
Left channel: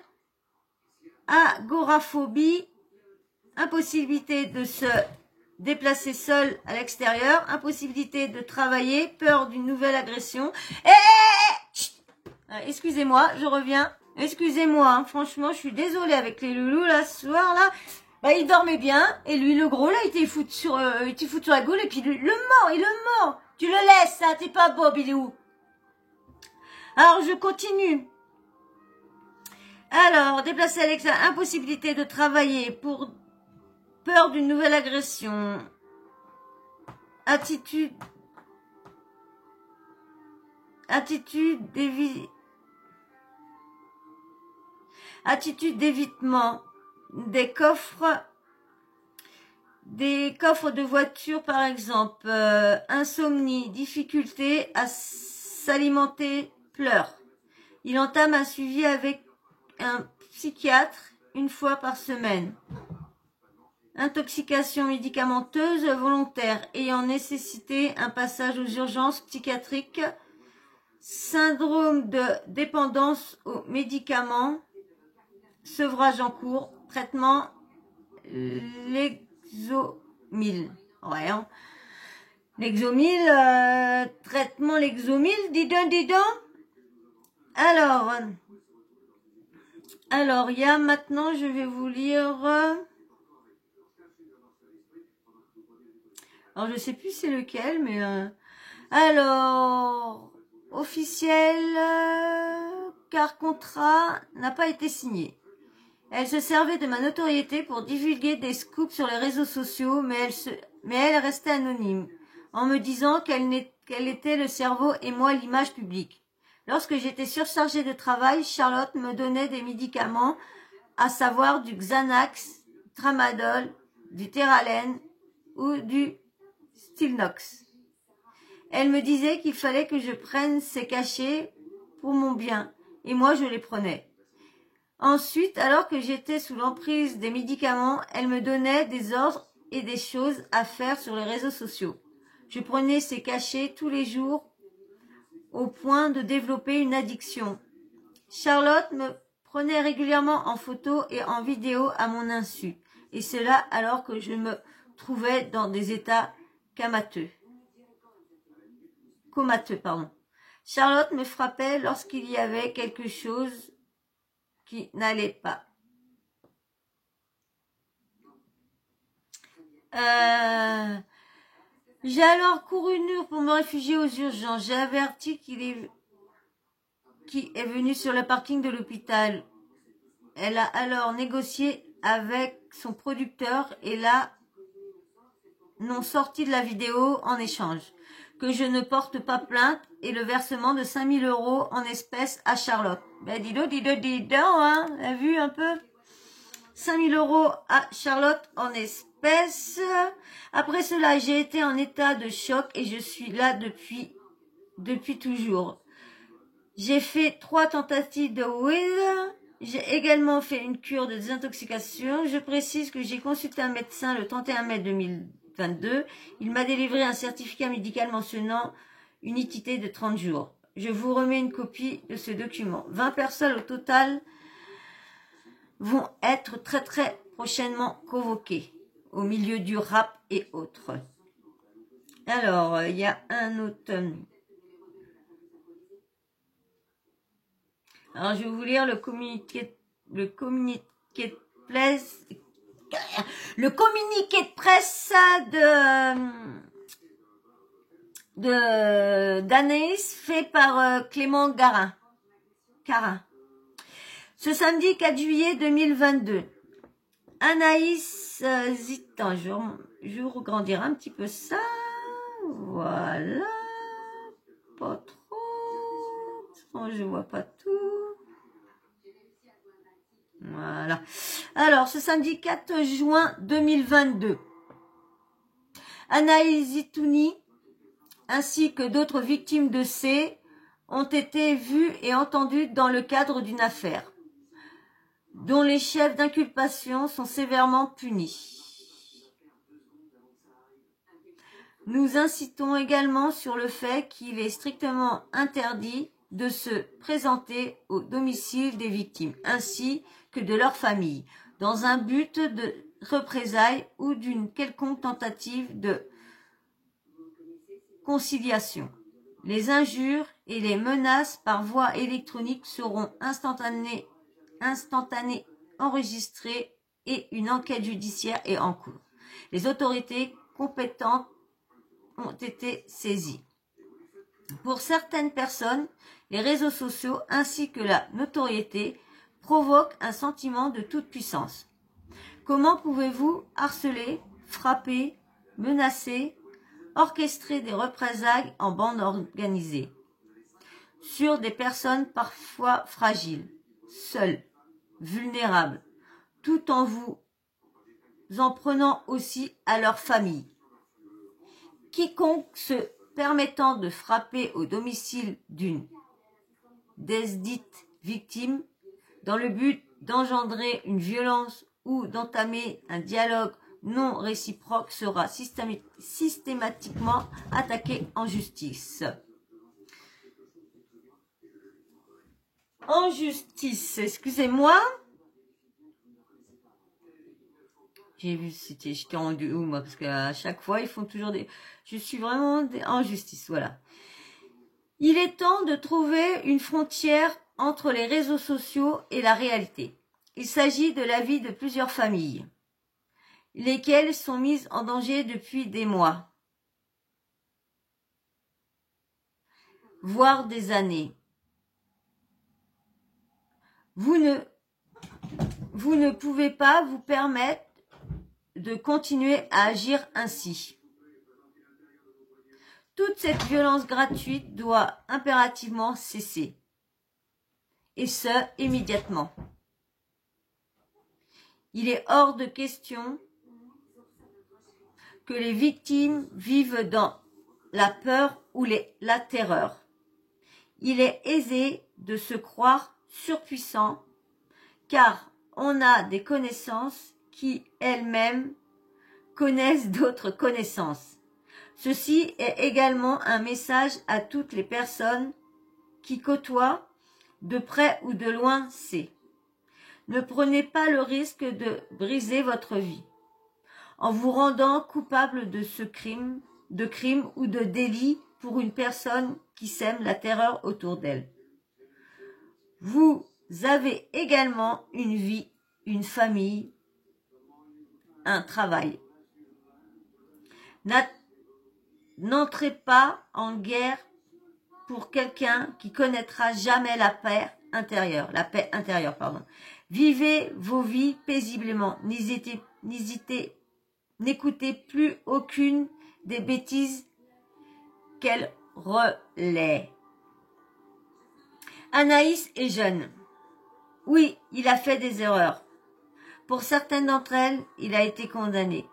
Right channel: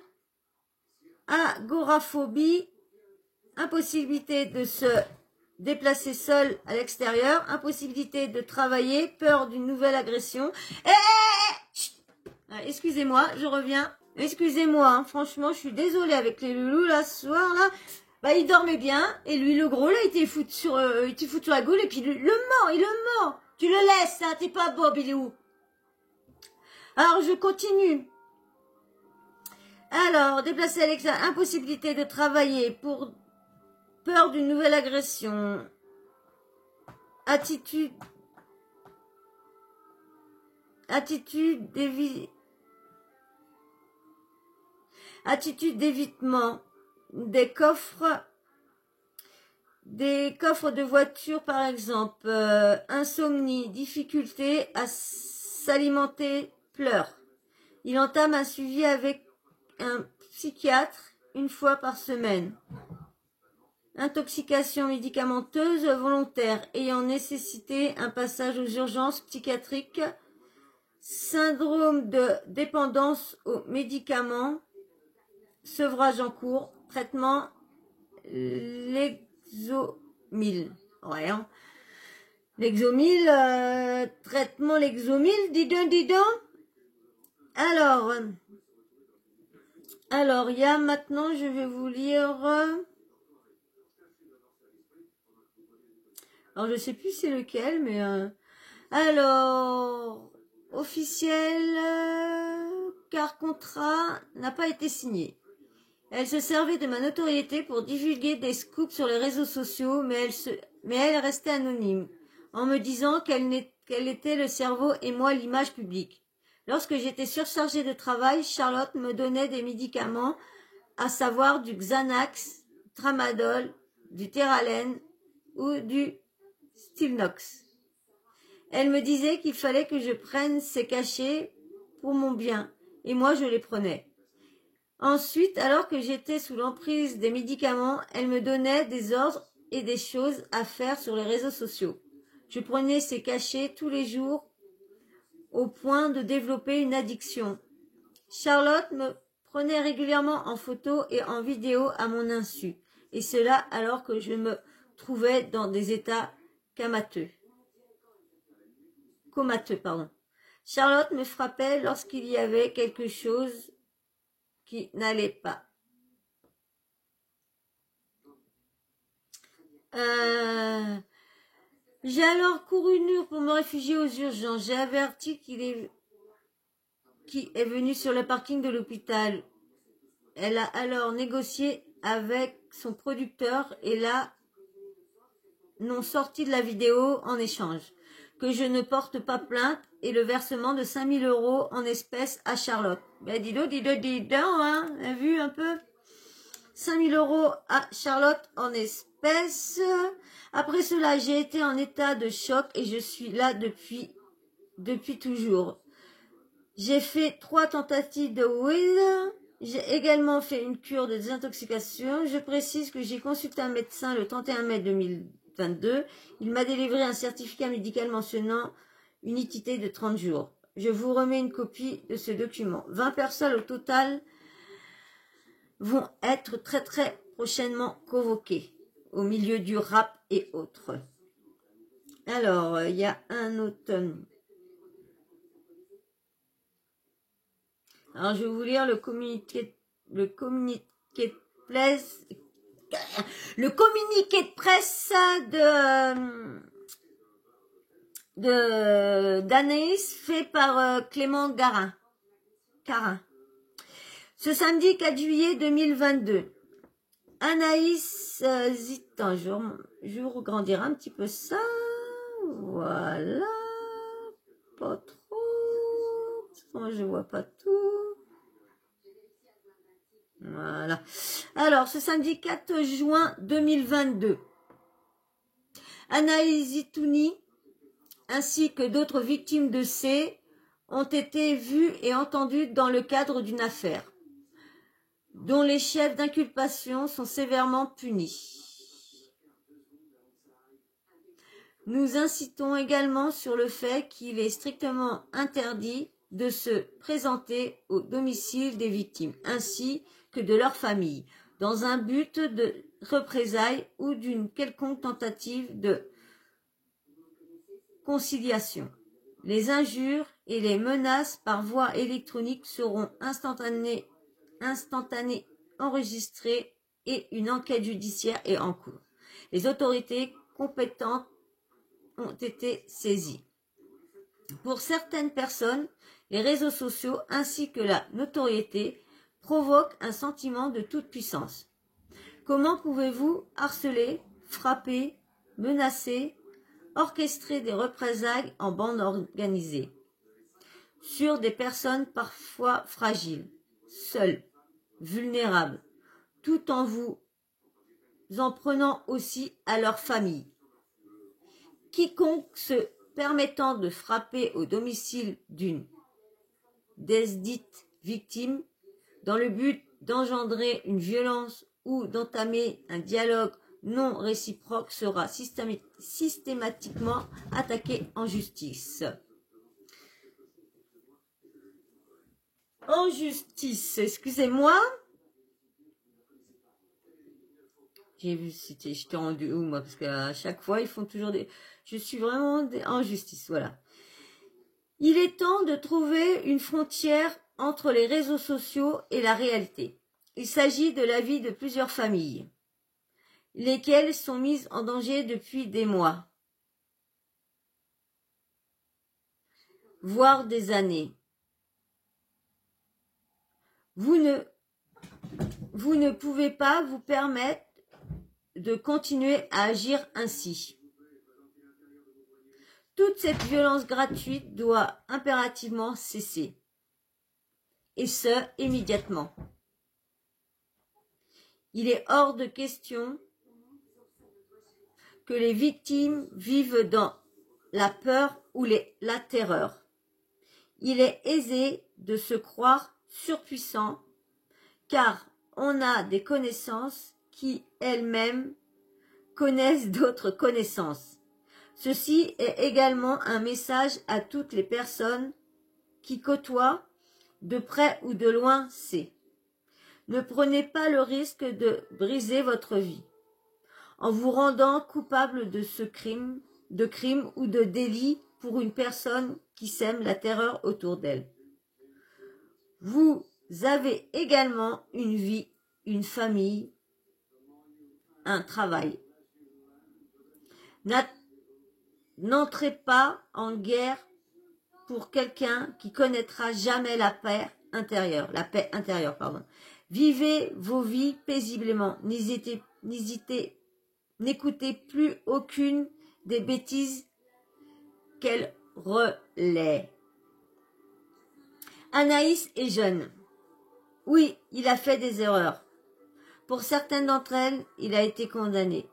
agoraphobie, impossibilité de se déplacer seul à l'extérieur, impossibilité de travailler, peur d'une nouvelle agression. Excusez-moi, je reviens. Excusez-moi, hein, franchement, je suis désolée avec les loulous là ce soir là. Bah, il dormait bien et lui le gros là, il était foutu sur la gueule et puis il le mord. Tu le laisses, hein, t'es pas Bob, il est où? Alors je continue. Alors, déplacer à l'extérieur, impossibilité de travailler pour peur d'une nouvelle agression. Attitude attitude d'évitement des coffres de voiture par exemple, insomnie, difficulté à s'alimenter, pleurs. Il entame un suivi avec un psychiatre une fois par semaine. Intoxication médicamenteuse volontaire ayant nécessité un passage aux urgences psychiatriques. Syndrome de dépendance aux médicaments. Sevrage en cours. Traitement Lexomil. Ouais, hein. Lexomil, traitement Lexomil, dis donc. Alors, il y a maintenant, je vais vous lire. Alors, je sais plus c'est lequel, mais alors, officiel, car contrat n'a pas été signé. Elle se servait de ma notoriété pour divulguer des scoops sur les réseaux sociaux, mais elle restait anonyme, en me disant qu'elle était le cerveau et moi l'image publique. Lorsque j'étais surchargée de travail, Charlotte me donnait des médicaments, à savoir du Xanax, Tramadol, du Terralen ou du Stilnox. Elle me disait qu'il fallait que je prenne ces cachets pour mon bien, et moi je les prenais. Ensuite, alors que j'étais sous l'emprise des médicaments, elle me donnait des ordres et des choses à faire sur les réseaux sociaux. Je prenais ces cachets tous les jours au point de développer une addiction. Charlotte me prenait régulièrement en photo et en vidéo à mon insu, et cela alors que je me trouvais dans des états comateux. Charlotte me frappait lorsqu'il y avait quelque chose qui n'allait pas. J'ai alors couru nu pour me réfugier aux urgences. J'ai averti qui est venu sur le parking de l'hôpital. Elle a alors négocié avec son producteur et là n'ont sorti de la vidéo en échange. Que je ne porte pas plainte et le versement de 5 000 € en espèces à Charlotte. Ben dis donc, hein, t'as vu un peu 5 000 € à Charlotte en espèces. Après cela, j'ai été en état de choc et je suis là depuis toujours. J'ai fait 3 tentatives de weed. J'ai également fait une cure de désintoxication. Je précise que j'ai consulté un médecin le 31 mai 2022. Il m'a délivré un certificat médical mentionnant une utilité de 30 jours. Je vous remets une copie de ce document. 20 personnes au total vont être très très prochainement convoquées au milieu du rap et autres. Alors, il y a un autre. Alors, je vais vous lire le communiqué de presse d'Anaïs fait par Clément Carin. Ce samedi 4 juillet 2022, Anaïs Zitan, je regrandirai un petit peu ça, voilà, pas trop, je vois pas tout. Voilà. Alors, ce samedi 4 juin 2022, Anaïs Zitouni ainsi que d'autres victimes de C ont été vues et entendues dans le cadre d'une affaire dont les chefs d'inculpation sont sévèrement punis. Nous incitons également sur le fait qu'il est strictement interdit de se présenter au domicile des victimes ainsi que de leur famille, dans un but de représailles ou d'une quelconque tentative de conciliation. Les injures et les menaces par voie électronique seront instantanées enregistrées et une enquête judiciaire est en cours. Les autorités compétentes ont été saisies. Pour certaines personnes, les réseaux sociaux ainsi que la notoriété provoquent un sentiment de toute puissance. Comment pouvez-vous harceler, frapper, menacer, orchestrer des représailles en bande organisée? sur des personnes parfois fragiles, seules, vulnérables, tout en vous en prenant aussi à leur famille. Quiconque se permettant de frapper au domicile d'une desdite victime dans le but d'engendrer une violence ou d'entamer un dialogue non réciproque sera systématiquement attaqué en justice. En justice, excusez-moi. J'ai vu, j'étais rendu où moi, parce qu'à chaque fois ils font toujours des... Je suis vraiment en justice, voilà. Il est temps de trouver une frontière entre les réseaux sociaux et la réalité. Il s'agit de la vie de plusieurs familles, lesquelles sont mises en danger depuis des mois, voire des années. Vous ne pouvez pas vous permettre de continuer à agir ainsi. Toute cette violence gratuite doit impérativement cesser. Et ce, immédiatement. Il est hors de question que les victimes vivent dans la peur ou la terreur. Il est aisé de se croire surpuissant car on a des connaissances qui elles-mêmes connaissent d'autres connaissances. Ceci est également un message à toutes les personnes qui côtoient de près ou de loin C. Ne prenez pas le risque de briser votre vie en vous rendant coupable de crime ou de délit pour une personne qui sème la terreur autour d'elle. Vous avez également une vie, une famille, un travail. N'entrez pas en guerre pour quelqu'un qui connaîtra jamais la paix intérieure. Vivez vos vies paisiblement. N'écoutez plus aucune des bêtises qu'elle relaie. Anaïs est jeune. Oui, il a fait des erreurs. Pour certaines d'entre elles, il a été condamné.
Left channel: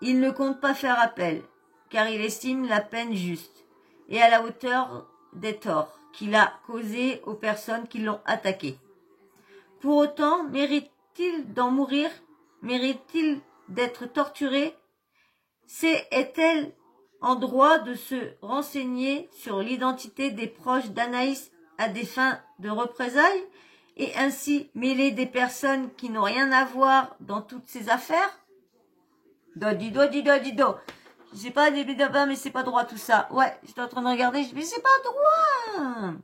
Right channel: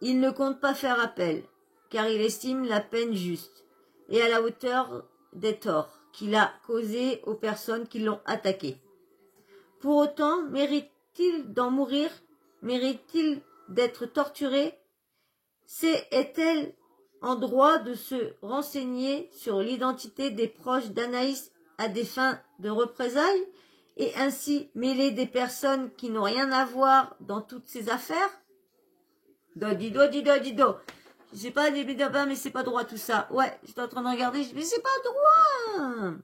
Il ne compte pas faire appel, car il estime la peine juste et à la hauteur des torts qu'il a causés aux personnes qui l'ont attaqué. Pour autant, mérite-t-il d'en mourir? Mérite-t-il d'être torturé? Est-elle en droit de se renseigner sur l'identité des proches d'Anaïs à des fins de représailles et ainsi mêler des personnes qui n'ont rien à voir dans toutes ces affaires? Dido. Je sais pas, mais c'est pas droit tout ça. Ouais, j'étais en train de regarder, mais c'est pas droit.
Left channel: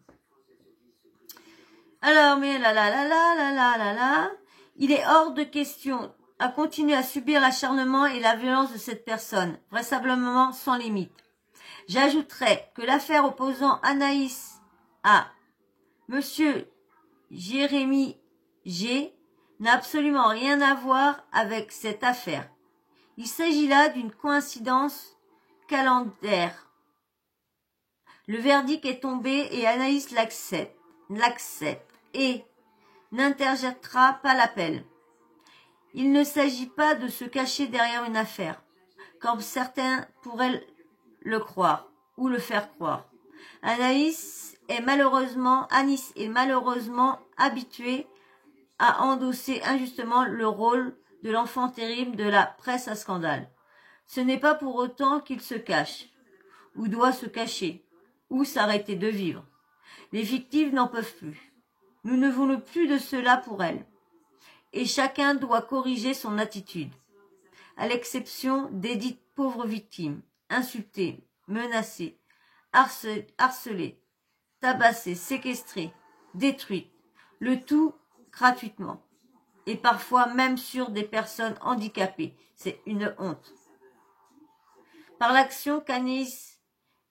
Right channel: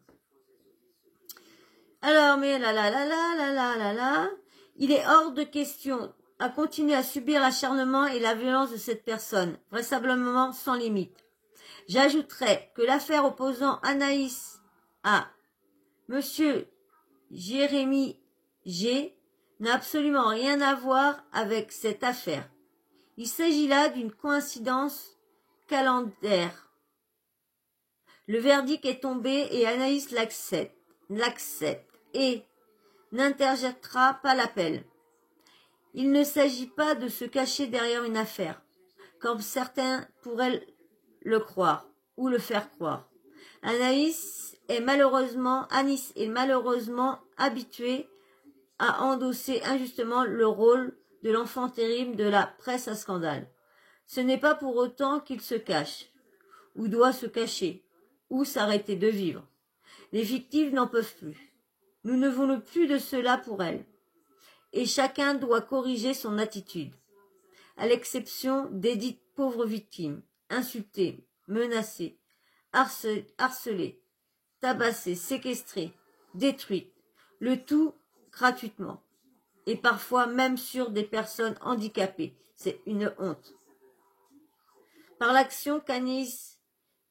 Alors, mais là. Il est hors de question à continuer à subir l'acharnement et la violence de cette personne, vraisemblablement sans limite. J'ajouterais que l'affaire opposant Anaïs à Monsieur Jérémy G n'a absolument rien à voir avec cette affaire. Il s'agit là d'une coïncidence calendaire. Le verdict est tombé et Anaïs l'accepte et n'interjettera pas l'appel. Il ne s'agit pas de se cacher derrière une affaire, comme certains pourraient le croire ou le faire croire. Anis est malheureusement habituée à endosser injustement le rôle de l'enfant terrible de la presse à scandale. Ce n'est pas pour autant qu'il se cache, ou doit se cacher, ou s'arrêter de vivre. Les victimes n'en peuvent plus. Nous ne voulons plus de cela pour elles. Et chacun doit corriger son attitude. À l'exception des dites pauvres victimes, insultées, menacées, harcelées, tabassées, séquestrées, détruites, le tout gratuitement. Et parfois même sur des personnes handicapées. C'est une honte. Par l'action qu'Anis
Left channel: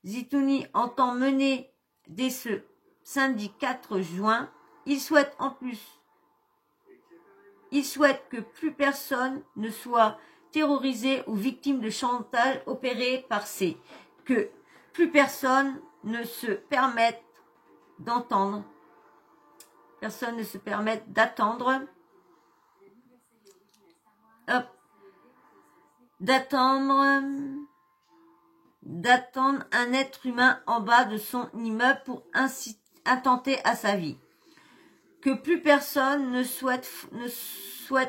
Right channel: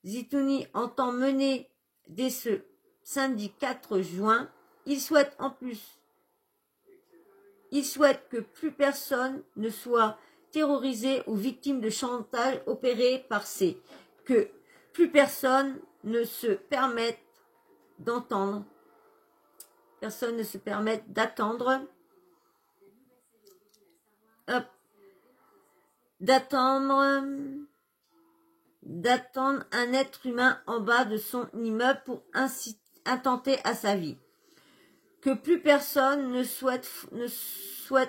Zitouni entend mener dès ce samedi 4 juin, il souhaite que plus personne ne soit terrorisé ou victime de chantage opéré par que plus personne ne se permette d'entendre. Personne ne se permet d'attendre. Hop. D'attendre un être humain en bas de son immeuble pour intenter à sa vie. Que plus personne ne souhaite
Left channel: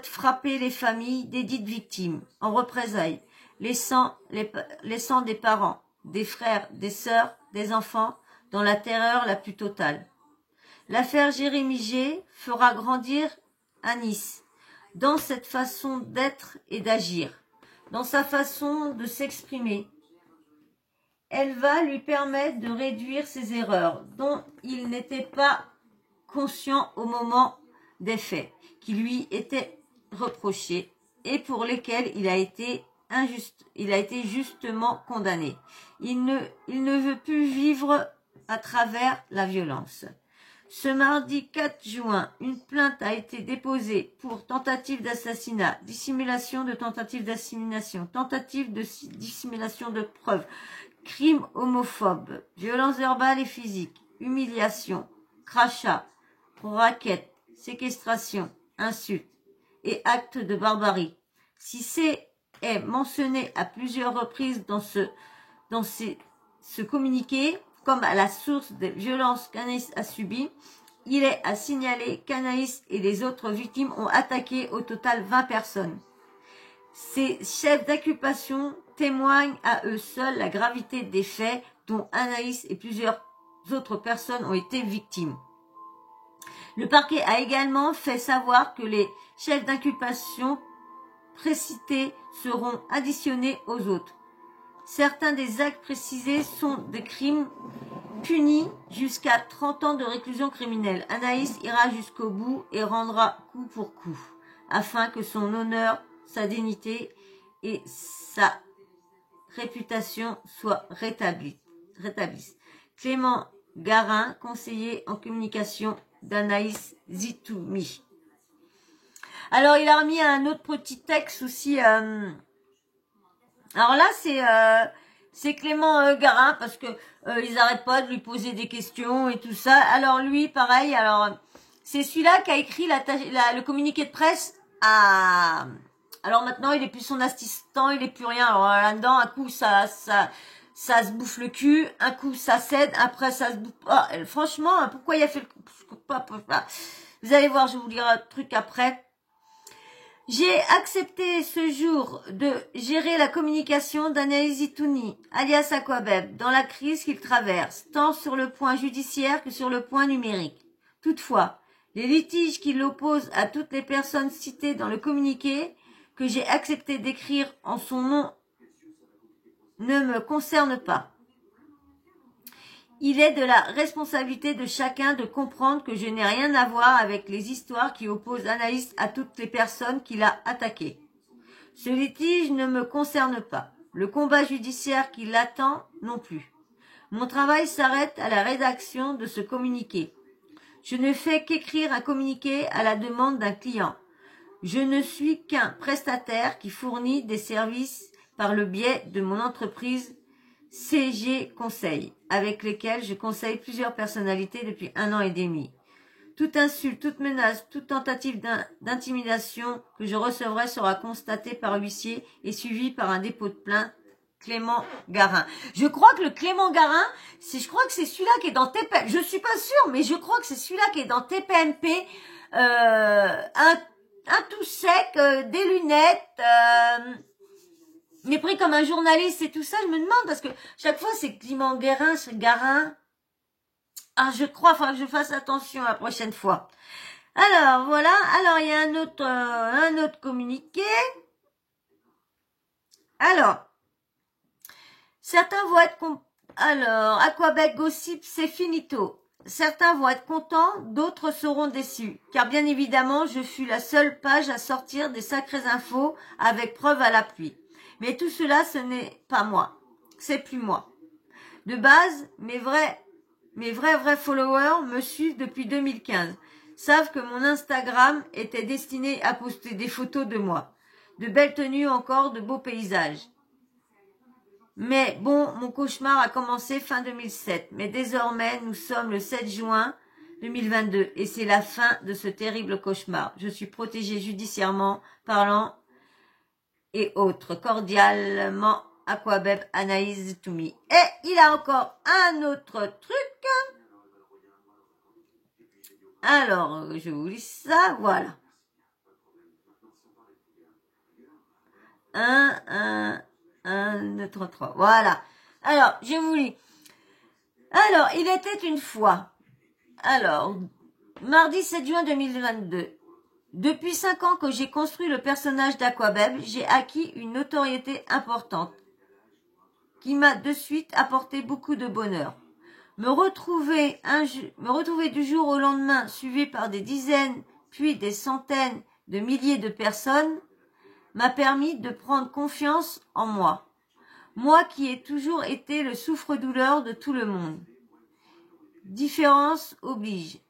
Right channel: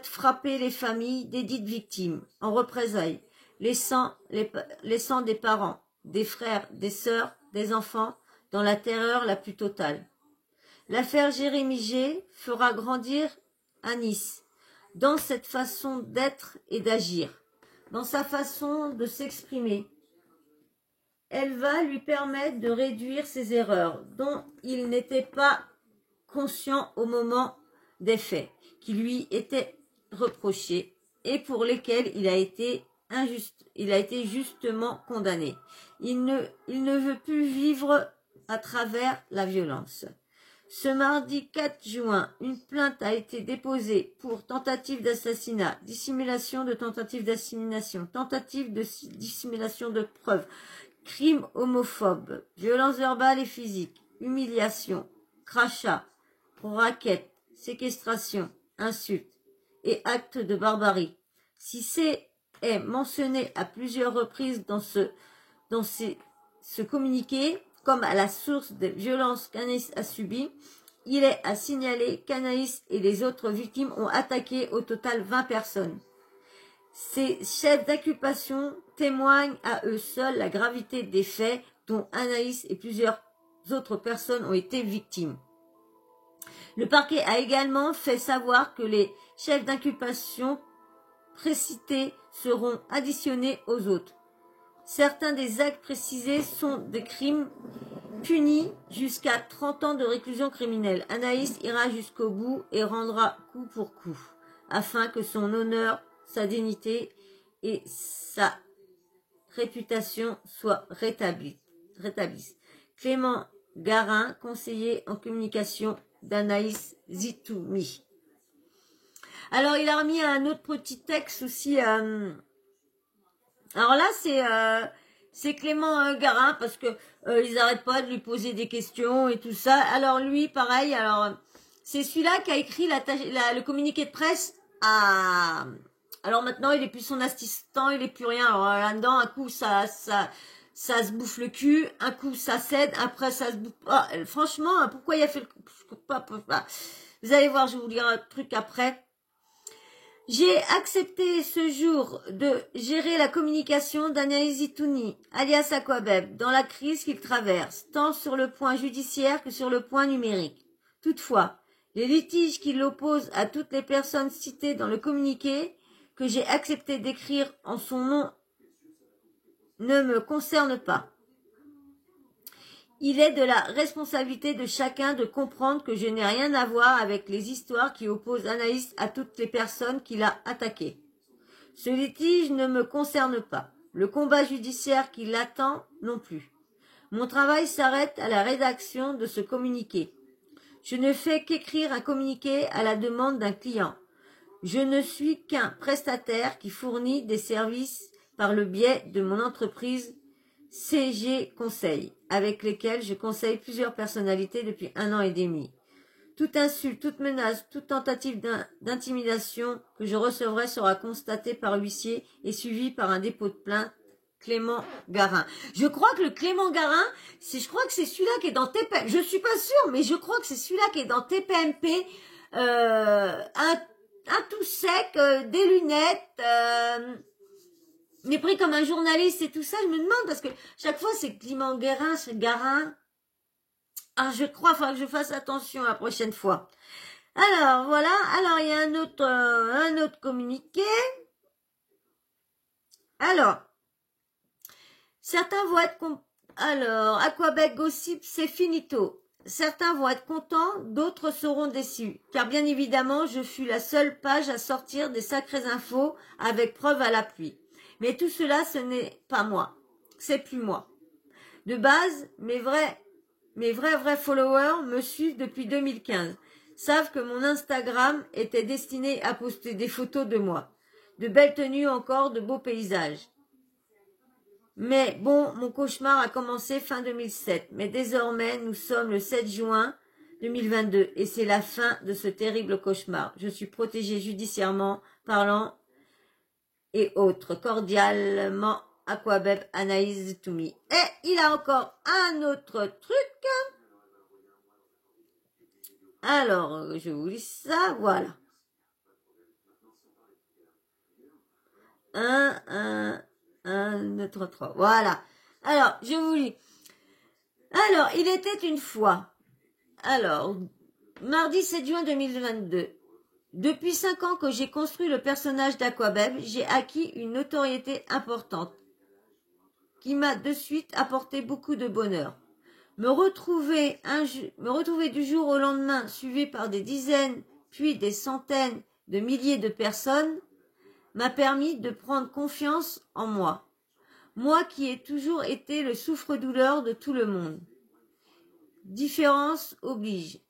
frapper les familles des dites victimes en représailles, laissant des parents, des frères, des sœurs, des enfants dans la terreur la plus totale. L'affaire Jérémy G fera grandir Anis dans cette façon d'être et d'agir, dans sa façon de s'exprimer. Elle va lui permettre de réduire ses erreurs dont il n'était pas conscient au moment des faits, qui lui étaient reprochés et pour lesquels il a été justement condamné. Il ne veut plus vivre à travers la violence. Ce mardi 4 juin, une plainte a été déposée pour tentative d'assassinat, dissimulation de tentative d'assassination, tentative de dissimulation de preuves, crime homophobe, violence verbale et physique, humiliation, crachat, racket, séquestration, insulte et acte de barbarie. Si c'est mentionné à plusieurs reprises dans ce communiqué, comme à la source des violences qu'Anaïs a subies, il est à signaler qu'Anaïs et les autres victimes ont attaqué au total 20 personnes. Ces chefs d'accusation témoignent à eux seuls la gravité des faits dont Anaïs et plusieurs autres personnes ont été victimes. Le parquet a également fait savoir que les chefs d'inculpation précités seront additionnés aux autres. Certains des actes précisés sont des crimes punis jusqu'à 30 ans de réclusion criminelle. Anaïs ira jusqu'au bout et rendra coup pour coup, afin que son honneur, sa dignité et sa réputation soient rétablissent. Clément Garin, conseiller en communication d'Anaïs Zitoumi. Alors, il a remis un autre petit texte aussi. Alors là, c'est Clément Garin parce que ils n'arrêtent pas de lui poser des questions et tout ça. Alors lui, pareil. Alors c'est celui-là qui a écrit le communiqué de presse à. Alors maintenant, il est plus son assistant, il est plus rien. Alors là-dedans, un coup ça se bouffe le cul, un coup ça cède, après ça se bouffe. Oh, franchement, pourquoi il a fait le. Vous allez voir, je vais vous lire un truc après. J'ai accepté ce jour de gérer la communication d'Anaïs Zitouni, alias Aquabeb, dans la crise qu'il traverse, tant sur le point judiciaire que sur le point numérique. Toutefois, les litiges qui l'opposent à toutes les personnes citées dans le communiqué que j'ai accepté d'écrire en son nom ne me concernent pas. Il est de la responsabilité de chacun de comprendre que je n'ai rien à voir avec les histoires qui opposent Anaïs à toutes les personnes qu'il a attaquées. Ce litige ne me concerne pas. Le combat judiciaire qui l'attend non plus. Mon travail s'arrête à la rédaction de ce communiqué. Je ne fais qu'écrire un communiqué à la demande d'un client. Je ne suis qu'un prestataire qui fournit des services par le biais de mon entreprise CG Conseil, avec lesquels je conseille plusieurs personnalités depuis 1 an et demi. Toute insulte, toute menace, toute tentative d'intimidation que je recevrai sera constatée par huissier et suivie par un dépôt de plainte. Clément Garin. Je crois que le Clément Garin, je crois que c'est celui-là qui est dans TPMP. Je suis pas sûre, mais je crois que c'est celui-là qui est dans TPMP. Un tout sec, des lunettes. Mais pris comme un journaliste et tout ça, je me demande, parce que chaque fois c'est Clément Garin, c'est Garin. Ah, je crois, il faudra que je fasse attention la prochaine fois. Alors, voilà. Alors, il y a un autre communiqué. Alors, certains vont être... Alors, Aquabec Gossip, c'est finito. Certains vont être contents, d'autres seront déçus. Car bien évidemment, je fus la seule page à sortir des sacrées infos avec preuve à l'appui. Mais tout cela, ce n'est pas moi. C'est plus moi. De base, mes vrais followers me suivent depuis 2015. Savent que mon Instagram était destiné à poster des photos de moi. De belles tenues encore, de beaux paysages. Mais bon, mon cauchemar a commencé fin 2007. Mais désormais, nous sommes le 7 juin 2022 et c'est la fin de ce terrible cauchemar. Je suis protégée judiciairement parlant et autres. Cordialement, Aquabeb Anaïs Toumi. Et il a encore un autre truc. Alors, je vous lis ça, voilà. 1, 2, 3. Voilà. Alors, je vous lis. Alors, il était une fois. Alors, mardi 7 juin 2022. Depuis 5 ans que j'ai construit le personnage d'Aquabeb, j'ai acquis une notoriété importante qui m'a de suite apporté beaucoup de bonheur. Me retrouver du jour au lendemain suivi par des dizaines, puis des centaines de milliers de personnes m'a permis de prendre confiance en moi. Moi qui ai toujours été le souffre-douleur de tout le monde. Différence oblige.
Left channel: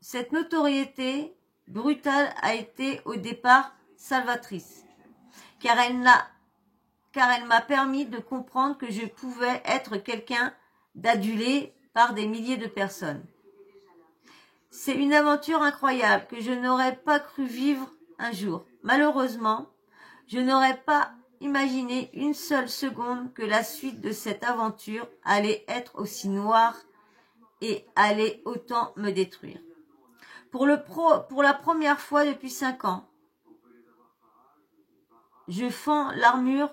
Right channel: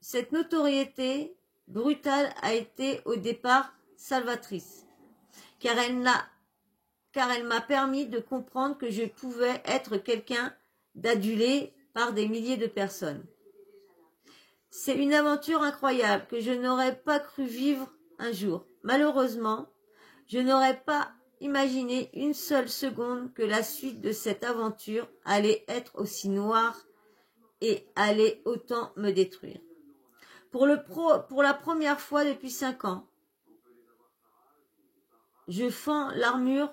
Cette notoriété brutale a été au départ salvatrice, car elle m'a permis de comprendre que je pouvais être quelqu'un d'adulé par des milliers de personnes. C'est une aventure incroyable que je n'aurais pas cru vivre un jour. Malheureusement, je n'aurais pas imaginé une seule seconde que la suite de cette aventure allait être aussi noire et allait autant me détruire. Pour la première fois depuis 5 ans, je fends l'armure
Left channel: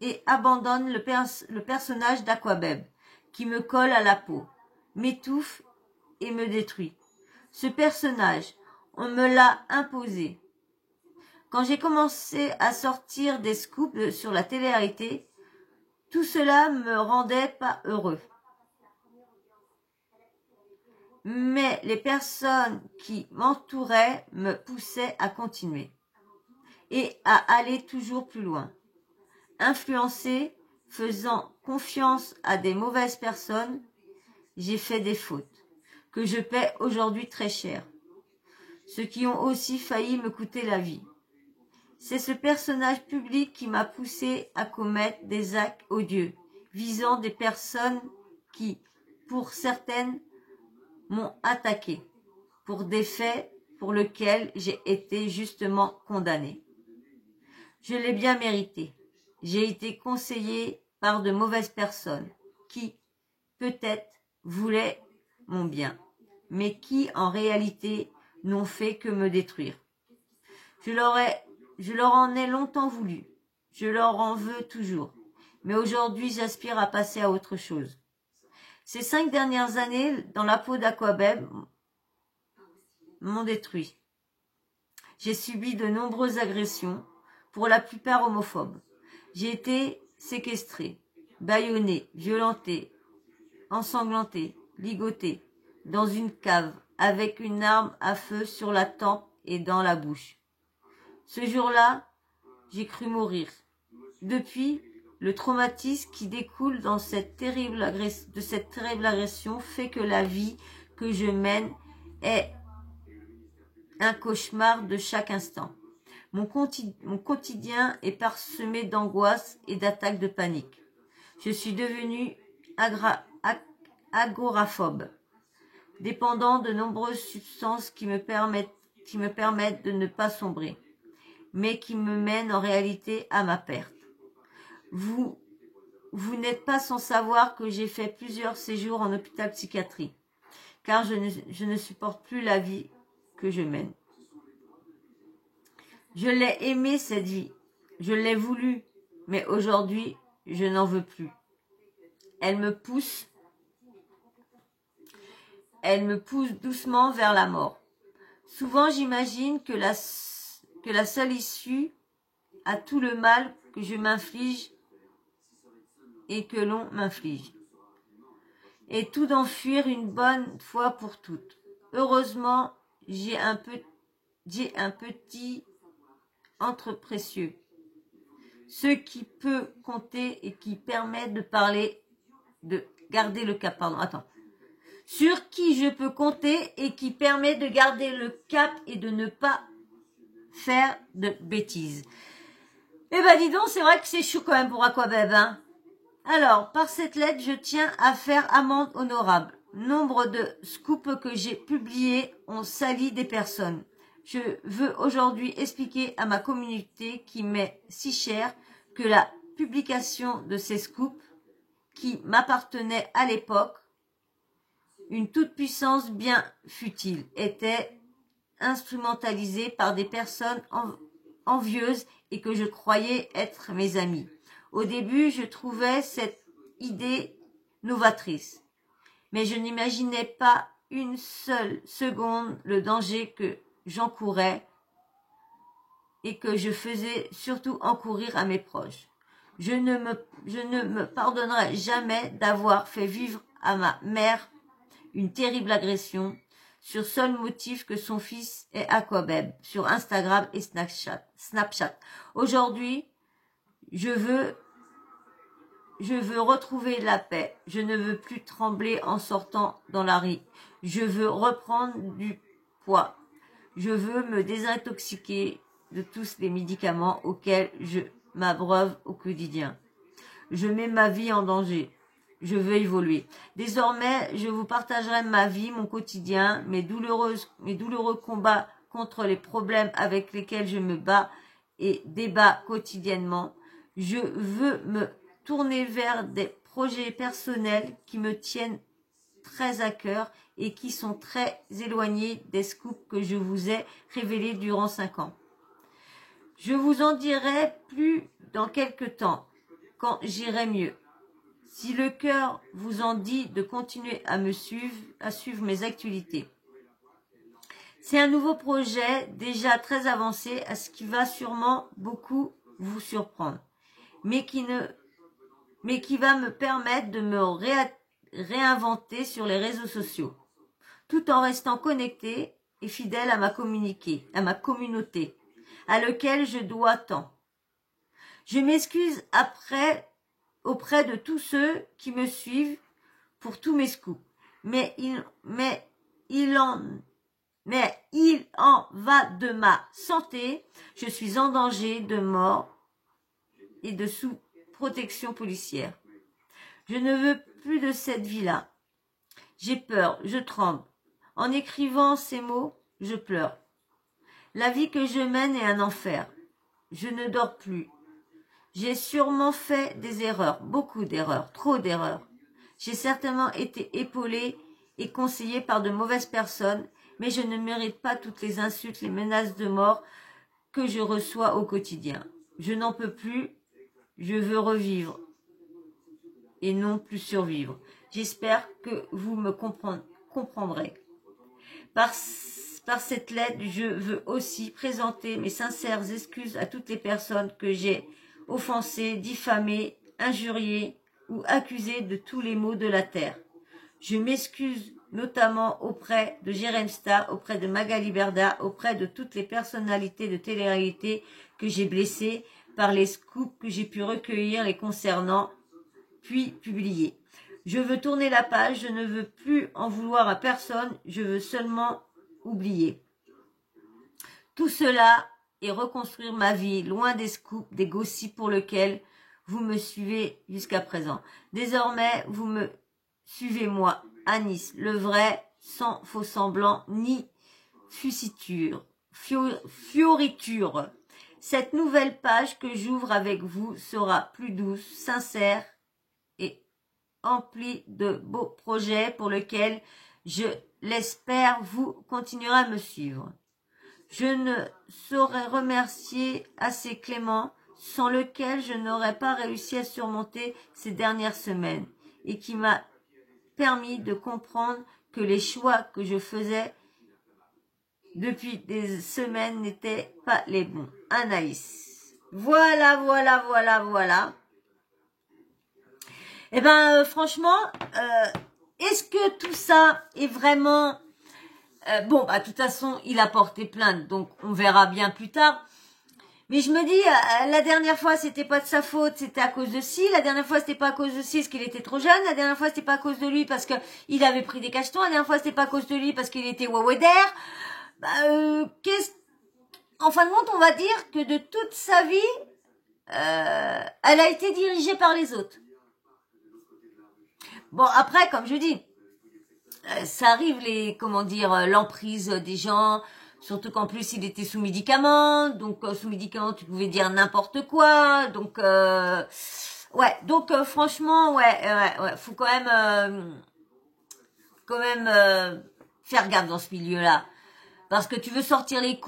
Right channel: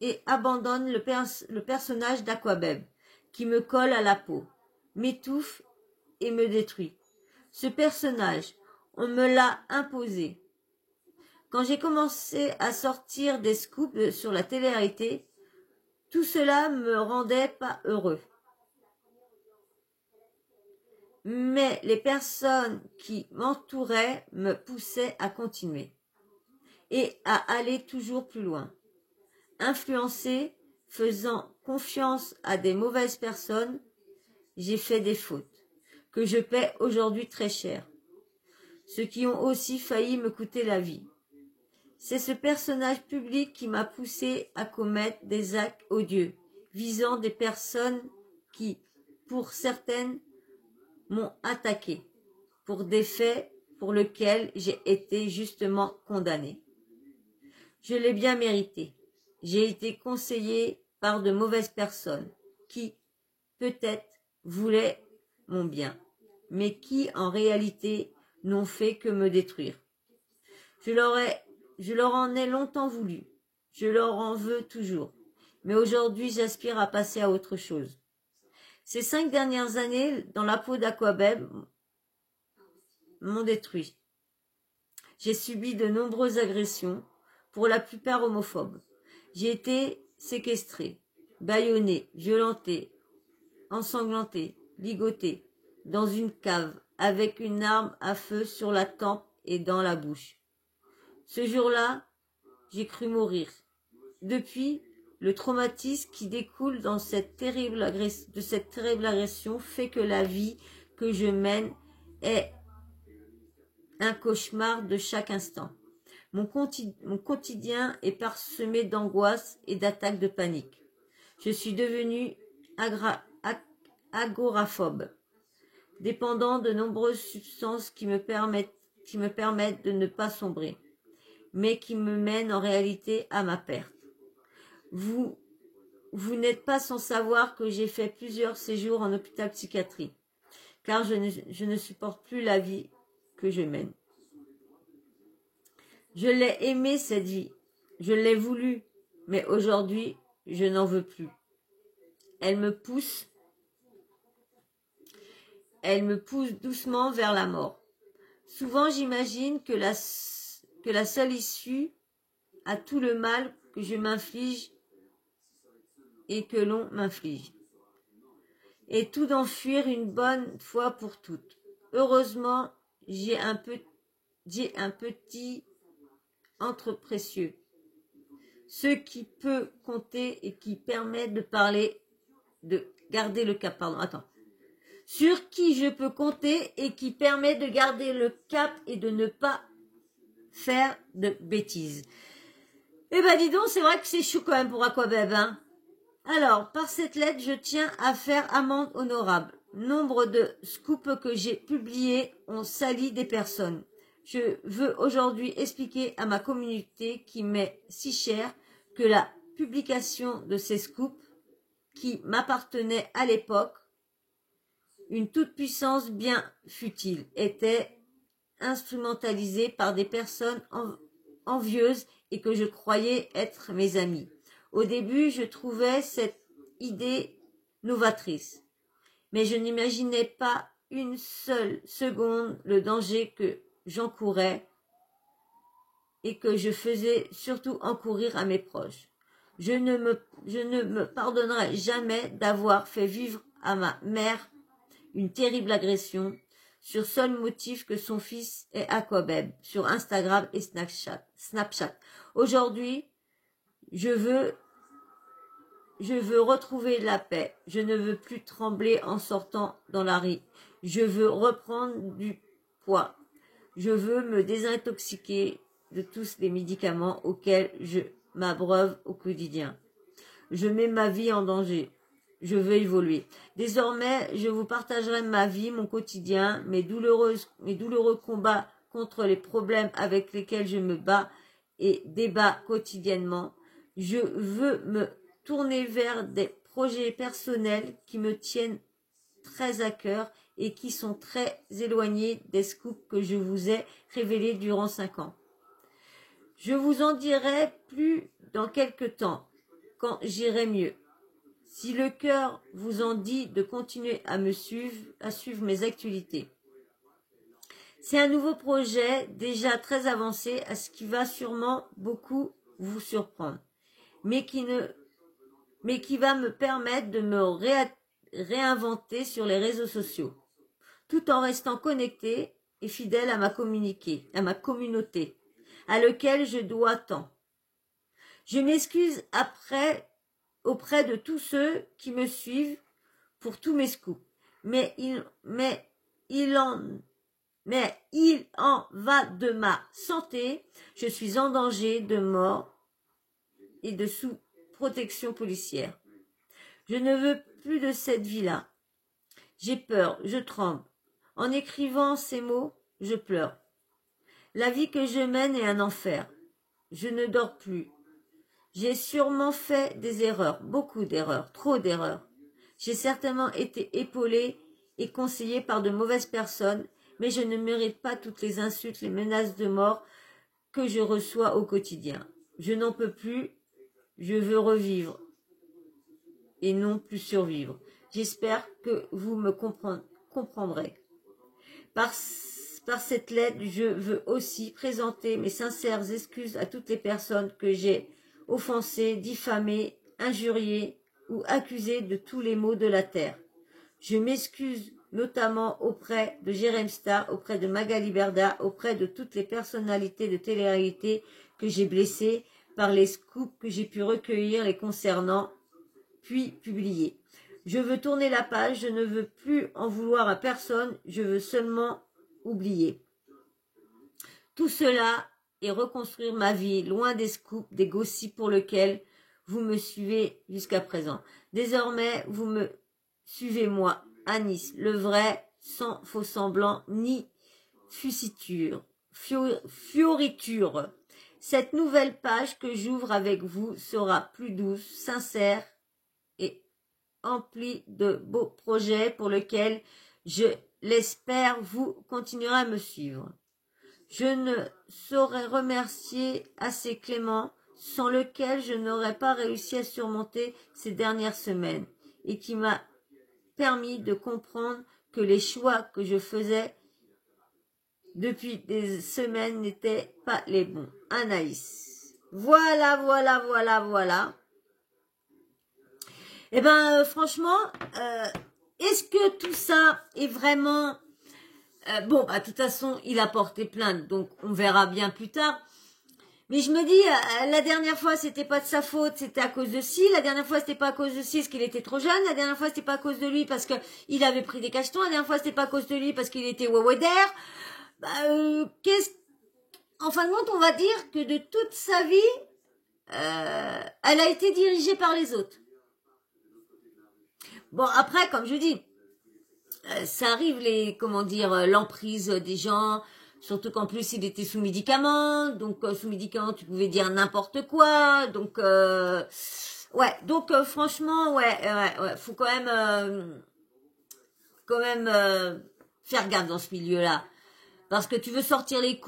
et abandonne le personnage d'Aquabeb qui me colle à la peau, m'étouffe et me détruit. Ce personnage, on me l'a imposé. Quand j'ai commencé à sortir des scoops sur la télé-réalité, tout cela me rendait pas heureux. Mais les personnes qui m'entouraient me poussaient à continuer et à aller toujours plus loin. Influencé, faisant confiance à des mauvaises personnes, j'ai fait des fautes que je paie aujourd'hui très cher, ceux qui ont aussi failli me coûter la vie. C'est ce personnage public qui m'a poussé à commettre des actes odieux, visant des personnes qui, pour certaines, m'ont attaqué pour des faits pour lesquels j'ai été justement condamné. Je l'ai bien mérité. J'ai été conseillé par de mauvaises personnes qui, peut-être, voulaient mon bien, mais qui, en réalité, n'ont fait que me détruire. Je leur en ai longtemps voulu. Je leur en veux toujours. Mais aujourd'hui, j'aspire à passer à autre chose. Ces 5 dernières années, dans la peau d'Aquabeb, m'ont détruit. J'ai subi de nombreuses agressions, pour la plupart homophobes. J'ai été séquestrée, bâillonnée, violentée, ensanglantée, ligotée, dans une cave, avec une arme à feu sur la tempe et dans la bouche. Ce jour-là, j'ai cru mourir. Depuis, le traumatisme qui découle de cette terrible agression fait que la vie que je mène est un cauchemar de chaque instant. Mon quotidien est parsemé d'angoisse et d'attaques de panique. Je suis devenue agoraphobe, dépendant de nombreuses substances qui me permettent de ne pas sombrer, mais qui me mènent en réalité à ma perte. Vous n'êtes pas sans savoir que j'ai fait plusieurs séjours en hôpital psychiatrique, car je ne supporte plus la vie que je mène. Je l'ai aimée cette vie, je l'ai voulu, mais aujourd'hui, je n'en veux plus. Elle me pousse doucement vers la mort. Souvent, j'imagine que la seule issue à tout le mal que je m'inflige et que l'on m'inflige est tout d'enfuir une bonne fois pour toutes. Heureusement, j'ai un petit entre précieux, ce qui peut compter et qui permet de garder le cap. Sur qui je peux compter et qui permet de garder le cap et de ne pas faire de bêtises. Eh ben dis donc, c'est vrai que c'est chou quand même pour Aquabeb, hein. Alors, par cette lettre, je tiens à faire amende honorable. Nombre de scoops que j'ai publiés ont sali des personnes. Je veux aujourd'hui expliquer à ma communauté qui m'est si chère que la publication de ces scoops qui m'appartenaient à l'époque, une toute-puissance bien futile, était instrumentalisée par des personnes envieuses et que je croyais être mes amis. Au début, je trouvais cette idée novatrice, mais je n'imaginais pas une seule seconde le danger que j'encourais et que je faisais surtout encourir à mes proches. Je ne me pardonnerai jamais d'avoir fait vivre à ma mère une terrible agression sur seul motif que son fils est aquabeb sur Instagram et Snapchat. Aujourd'hui, je veux retrouver la paix. Je ne veux plus trembler en sortant dans la rue. Je veux reprendre du poids. Je veux me désintoxiquer de tous les médicaments auxquels je m'abreuve au quotidien. Je mets ma vie en danger. Je veux évoluer. Désormais, je vous partagerai ma vie, mon quotidien, mes douloureux combats contre les problèmes avec lesquels je me bats et débat quotidiennement. Je veux me tourner vers des projets personnels qui me tiennent très à cœur et qui sont très éloignés des scoops que je vous ai révélés durant 5 ans. Je vous en dirai plus dans quelque temps, quand j'irai mieux. Si le cœur vous en dit de continuer à suivre mes actualités. C'est un nouveau projet déjà très avancé, à ce qui va sûrement beaucoup vous surprendre, mais qui va me permettre de me réinventer sur les réseaux sociaux, tout en restant connecté et fidèle à ma communauté, à laquelle je dois tant. Je m'excuse auprès de tous ceux qui me suivent pour tous mes scoops, mais il en va de ma santé. Je suis en danger de mort et de sous protection policière. Je ne veux plus de cette vie-là. J'ai peur, je tremble. En écrivant ces mots, je pleure. La vie que je mène est un enfer. Je ne dors plus. J'ai sûrement fait des erreurs, beaucoup d'erreurs, trop d'erreurs. J'ai certainement été épaulée et conseillée par de mauvaises personnes, mais je ne mérite pas toutes les insultes, les menaces de mort que je reçois au quotidien. Je n'en peux plus, je veux revivre et non plus survivre. J'espère que vous me comprendrez. Par cette lettre, je veux aussi présenter mes sincères excuses à toutes les personnes que j'ai offensées, diffamées, injuriées ou accusées de tous les maux de la terre. Je m'excuse notamment auprès de Jérém Star, auprès de Magali Berda, auprès de toutes les personnalités de télé-réalité que j'ai blessées par les scoops que j'ai pu recueillir les concernant, puis publier. Je veux tourner la page, je ne veux plus en vouloir à personne, je veux seulement oublier. Tout cela et reconstruire ma vie, loin des scoops, des gossips pour lesquels vous me suivez jusqu'à présent. Désormais, vous me suivez moi, Anis, le vrai, sans faux semblant, ni fusiture, fioriture. Cette nouvelle page que j'ouvre avec vous sera plus douce, sincère et emplie de beaux projets pour lesquels, je l'espère, vous continuerez à me suivre. Je ne saurais remercier assez Clément, sans lequel je n'aurais pas réussi à surmonter ces dernières semaines et qui m'a permis de comprendre que les choix que je faisais depuis des semaines n'étaient pas les bons. Anaïs. Voilà. Eh ben, franchement, est-ce que tout ça est vraiment... bon, bah, de toute façon, il a porté plainte, donc on verra bien plus tard. Mais je me dis, la dernière fois, c'était pas de sa faute, c'était à cause de ci. La dernière fois, c'était pas à cause de ci, parce qu'il était trop jeune. La dernière fois, c'était pas à cause de lui, parce que il avait pris des cachetons. La dernière fois, c'était pas à cause de lui, parce qu'il était wawader. Bah, en fin de compte, on va dire que de toute sa vie, elle a été dirigée par les autres. Bon, après, comme je dis, ça arrive comment dire, l'emprise des gens, surtout qu'en plus il était sous médicaments, donc sous médicaments tu pouvais dire n'importe quoi, donc ouais, donc franchement ouais, faut quand même faire gaffe dans ce milieu-là, parce que tu veux sortir les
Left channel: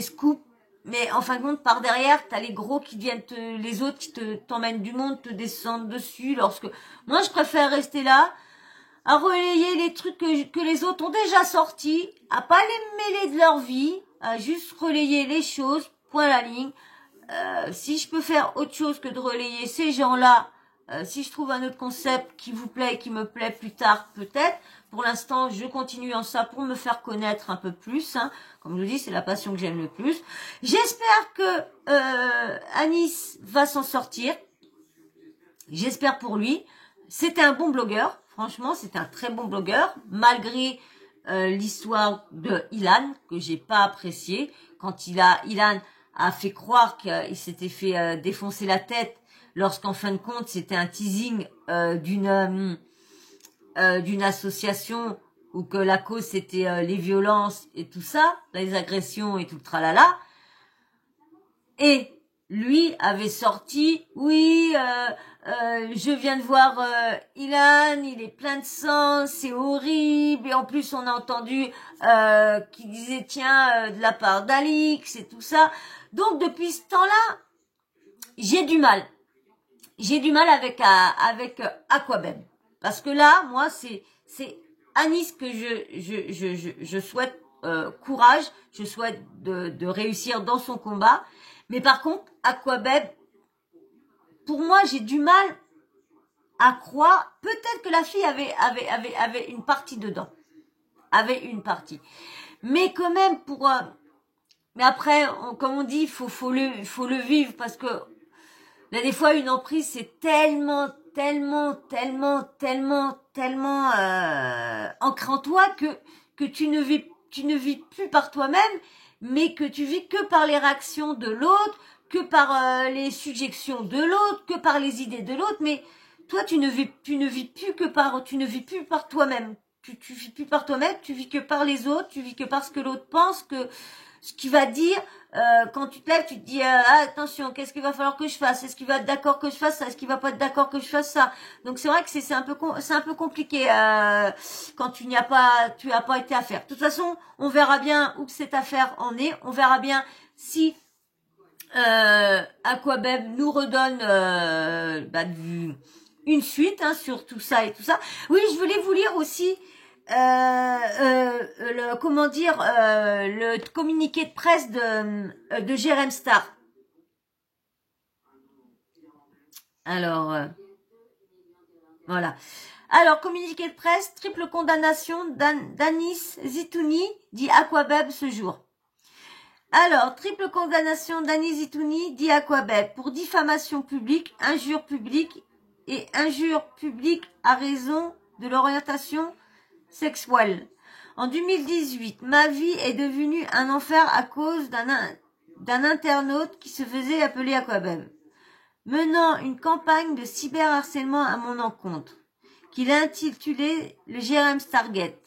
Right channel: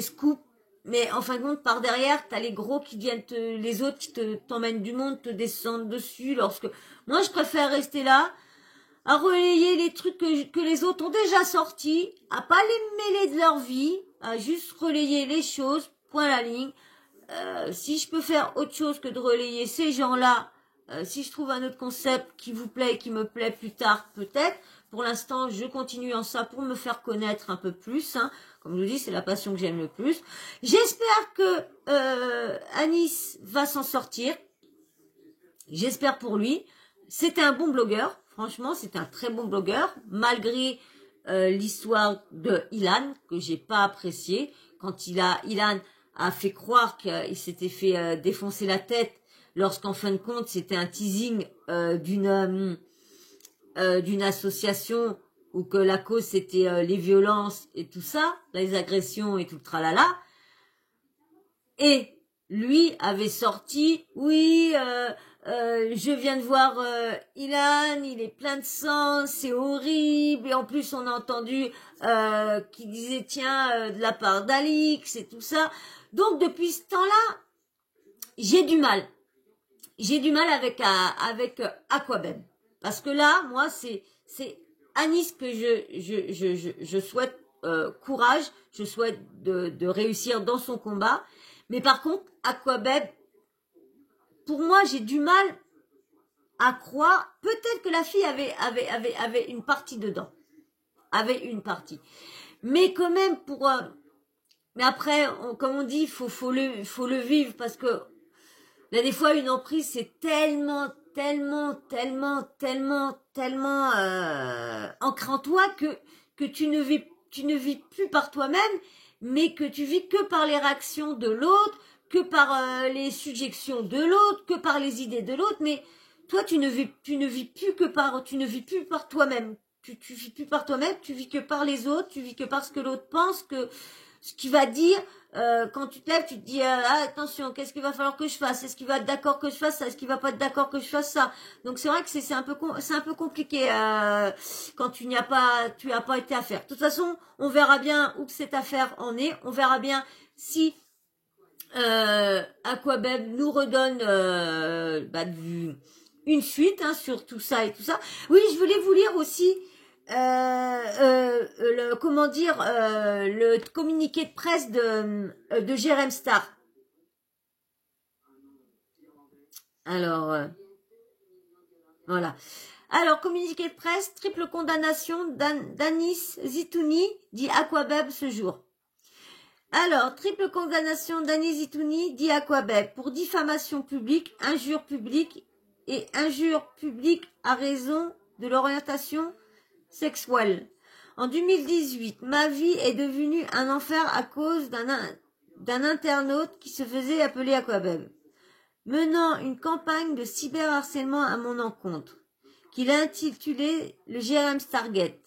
scoops, mais en fin de compte par derrière t'as les gros qui viennent les autres qui t'emmènent du monde, te descendent dessus, moi je préfère rester là à relayer les trucs que les autres ont déjà sortis, à pas les mêler de leur vie, à juste relayer les choses, point à la ligne. Si je peux faire autre chose que de relayer ces gens-là, si je trouve un autre concept qui vous plaît et qui me plaît plus tard, peut-être. Pour l'instant, je continue en ça pour me faire connaître un peu plus. Hein. Comme je vous dis, c'est la passion que j'aime le plus. J'espère que Anis va s'en sortir. J'espère pour lui. C'était un bon blogueur. Franchement, c'est un très bon blogueur, malgré l'histoire de Ilan, que j'ai pas apprécié. Quand Ilan a fait croire qu'il s'était fait défoncer la tête, lorsqu'en fin de compte, c'était un teasing d'une association, où que la cause, c'était les violences et tout ça, les agressions et tout le tralala. Et lui avait sorti, oui, je viens de voir Ilan, il est plein de sang, c'est horrible. Et en plus, on a entendu qu'il disait, tiens, de la part d'Alix et tout ça. Donc, depuis ce temps-là, j'ai du mal. J'ai du mal avec Aquabeb. Parce que là, moi, c'est Anis que je souhaite courage, je souhaite de réussir dans son combat. Mais par contre, Aquabeb, pour moi, j'ai du mal à croire. Peut-être que la fille avait une partie dedans. Avait une partie. Mais quand même, mais après, comme on dit, faut le vivre, parce que là, des fois, une emprise, c'est tellement ancré en toi que tu ne vis plus par toi-même, mais que tu vis que par les réactions de l'autre, que par les suggestions de l'autre, que par les idées de l'autre, mais toi tu ne vis plus par toi-même. Tu vis plus par toi-même, tu vis que par les autres, tu vis que par ce que l'autre pense, que ce qu'il va dire. Quand tu te lèves, tu te dis attention, qu'est-ce qu'il va falloir que je fasse? Est-ce qu'il va être d'accord que je fasse ça? Est-ce qu'il va pas être d'accord que je fasse ça? Donc c'est vrai que c'est un peu compliqué quand tu as pas été à faire. De toute façon, on verra bien où cette affaire en est. On verra bien si Aquabeb nous redonne une suite sur tout ça et tout ça. Oui, je voulais vous lire aussi le communiqué de presse de Jérém Star. Alors voilà. Alors, communiqué de presse, triple condamnation d'Anis Zitouni, dit Aquabeb ce jour. Alors, triple condamnation d'Anis Zitouni, dit Aquabeb, pour diffamation publique, injure publique et injure publique à raison de l'orientation sexuelle. En 2018, ma vie est devenue un enfer à cause d'un internaute qui se faisait appeler Aquabeb, menant une campagne de cyberharcèlement à mon encontre, qu'il a intitulée le Jérém Stargate.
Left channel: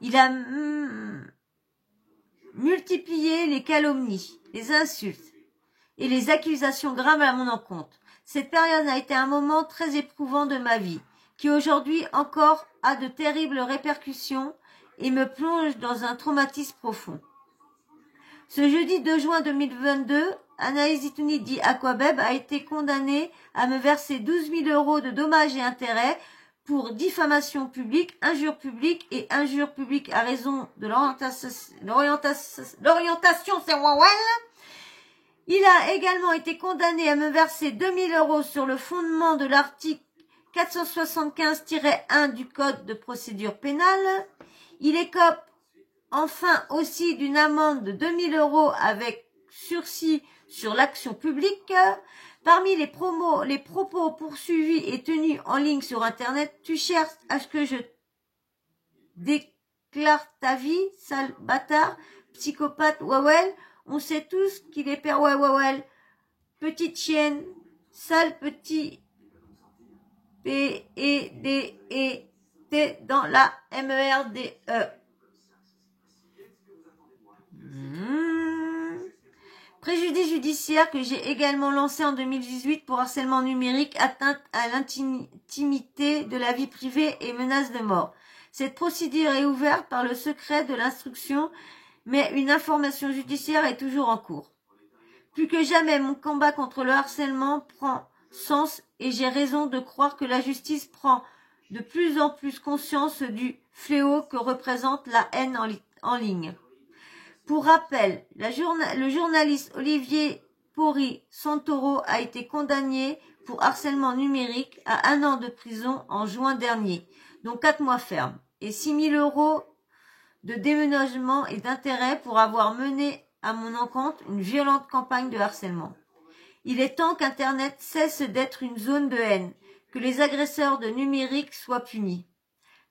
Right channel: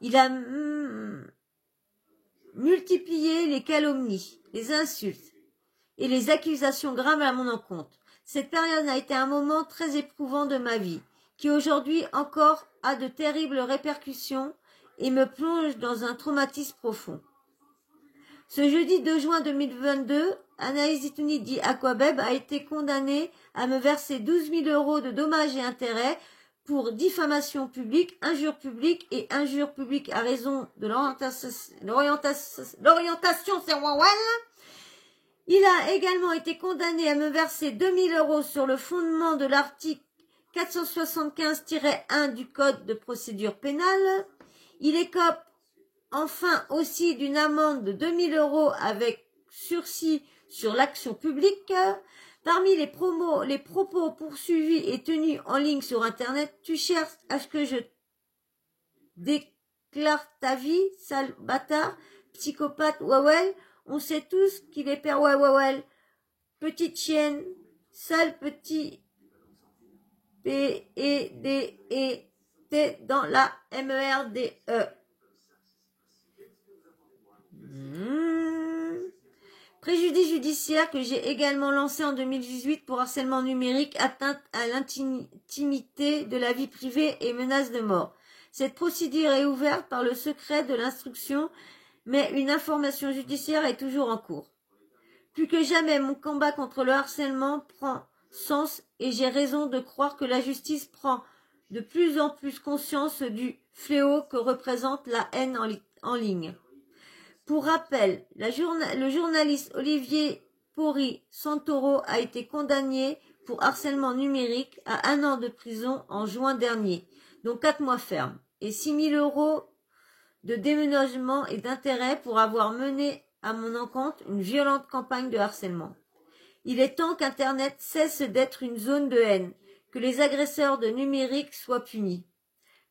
Il a multiplié les calomnies, les insultes et les accusations graves à mon encontre. Cette période a été un moment très éprouvant de ma vie, qui aujourd'hui encore a de terribles répercussions et me plonge dans un traumatisme profond. Ce jeudi 2 juin 2022, Anaïs Zitouni dit Aquabeb a été condamnée à me verser 12 000 € de dommages et intérêts pour diffamation publique, injure publique et injure publique à raison de l'orientation sexuelle. Il a également été condamné à me verser 2 000 € sur le fondement de l'article 475-1 du Code de procédure pénale. Il écope enfin aussi d'une amende de 2 000 € avec sursis sur l'action publique. Parmi les propos poursuivis et tenus en ligne sur Internet, tu cherches à ce que je déclare ta vie, sale bâtard, psychopathe, wawel. On sait tous qu'il est père wawel, petite chienne, sale petit P-E-D-E-T dans la M-E-R-D-E. Préjudice judiciaire que j'ai également lancé en 2018 pour harcèlement numérique, atteinte à l'intimité de la vie privée et menace de mort. Cette procédure est ouverte par le secret de l'instruction, mais une information judiciaire est toujours en cours. Plus que jamais, mon combat contre le harcèlement prend sens et j'ai raison de croire que la justice prend de plus en plus conscience du fléau que représente la haine en ligne. Pour rappel, le journaliste Olivier Pori Santoro a été condamné pour harcèlement numérique à 1 an de prison en juin dernier, dont 4 mois ferme, et 6 000 € de déménagement et d'intérêt pour avoir mené à mon encontre une violente campagne de harcèlement. Il est temps qu'Internet cesse d'être une zone de haine, que les agresseurs de numérique soient punis.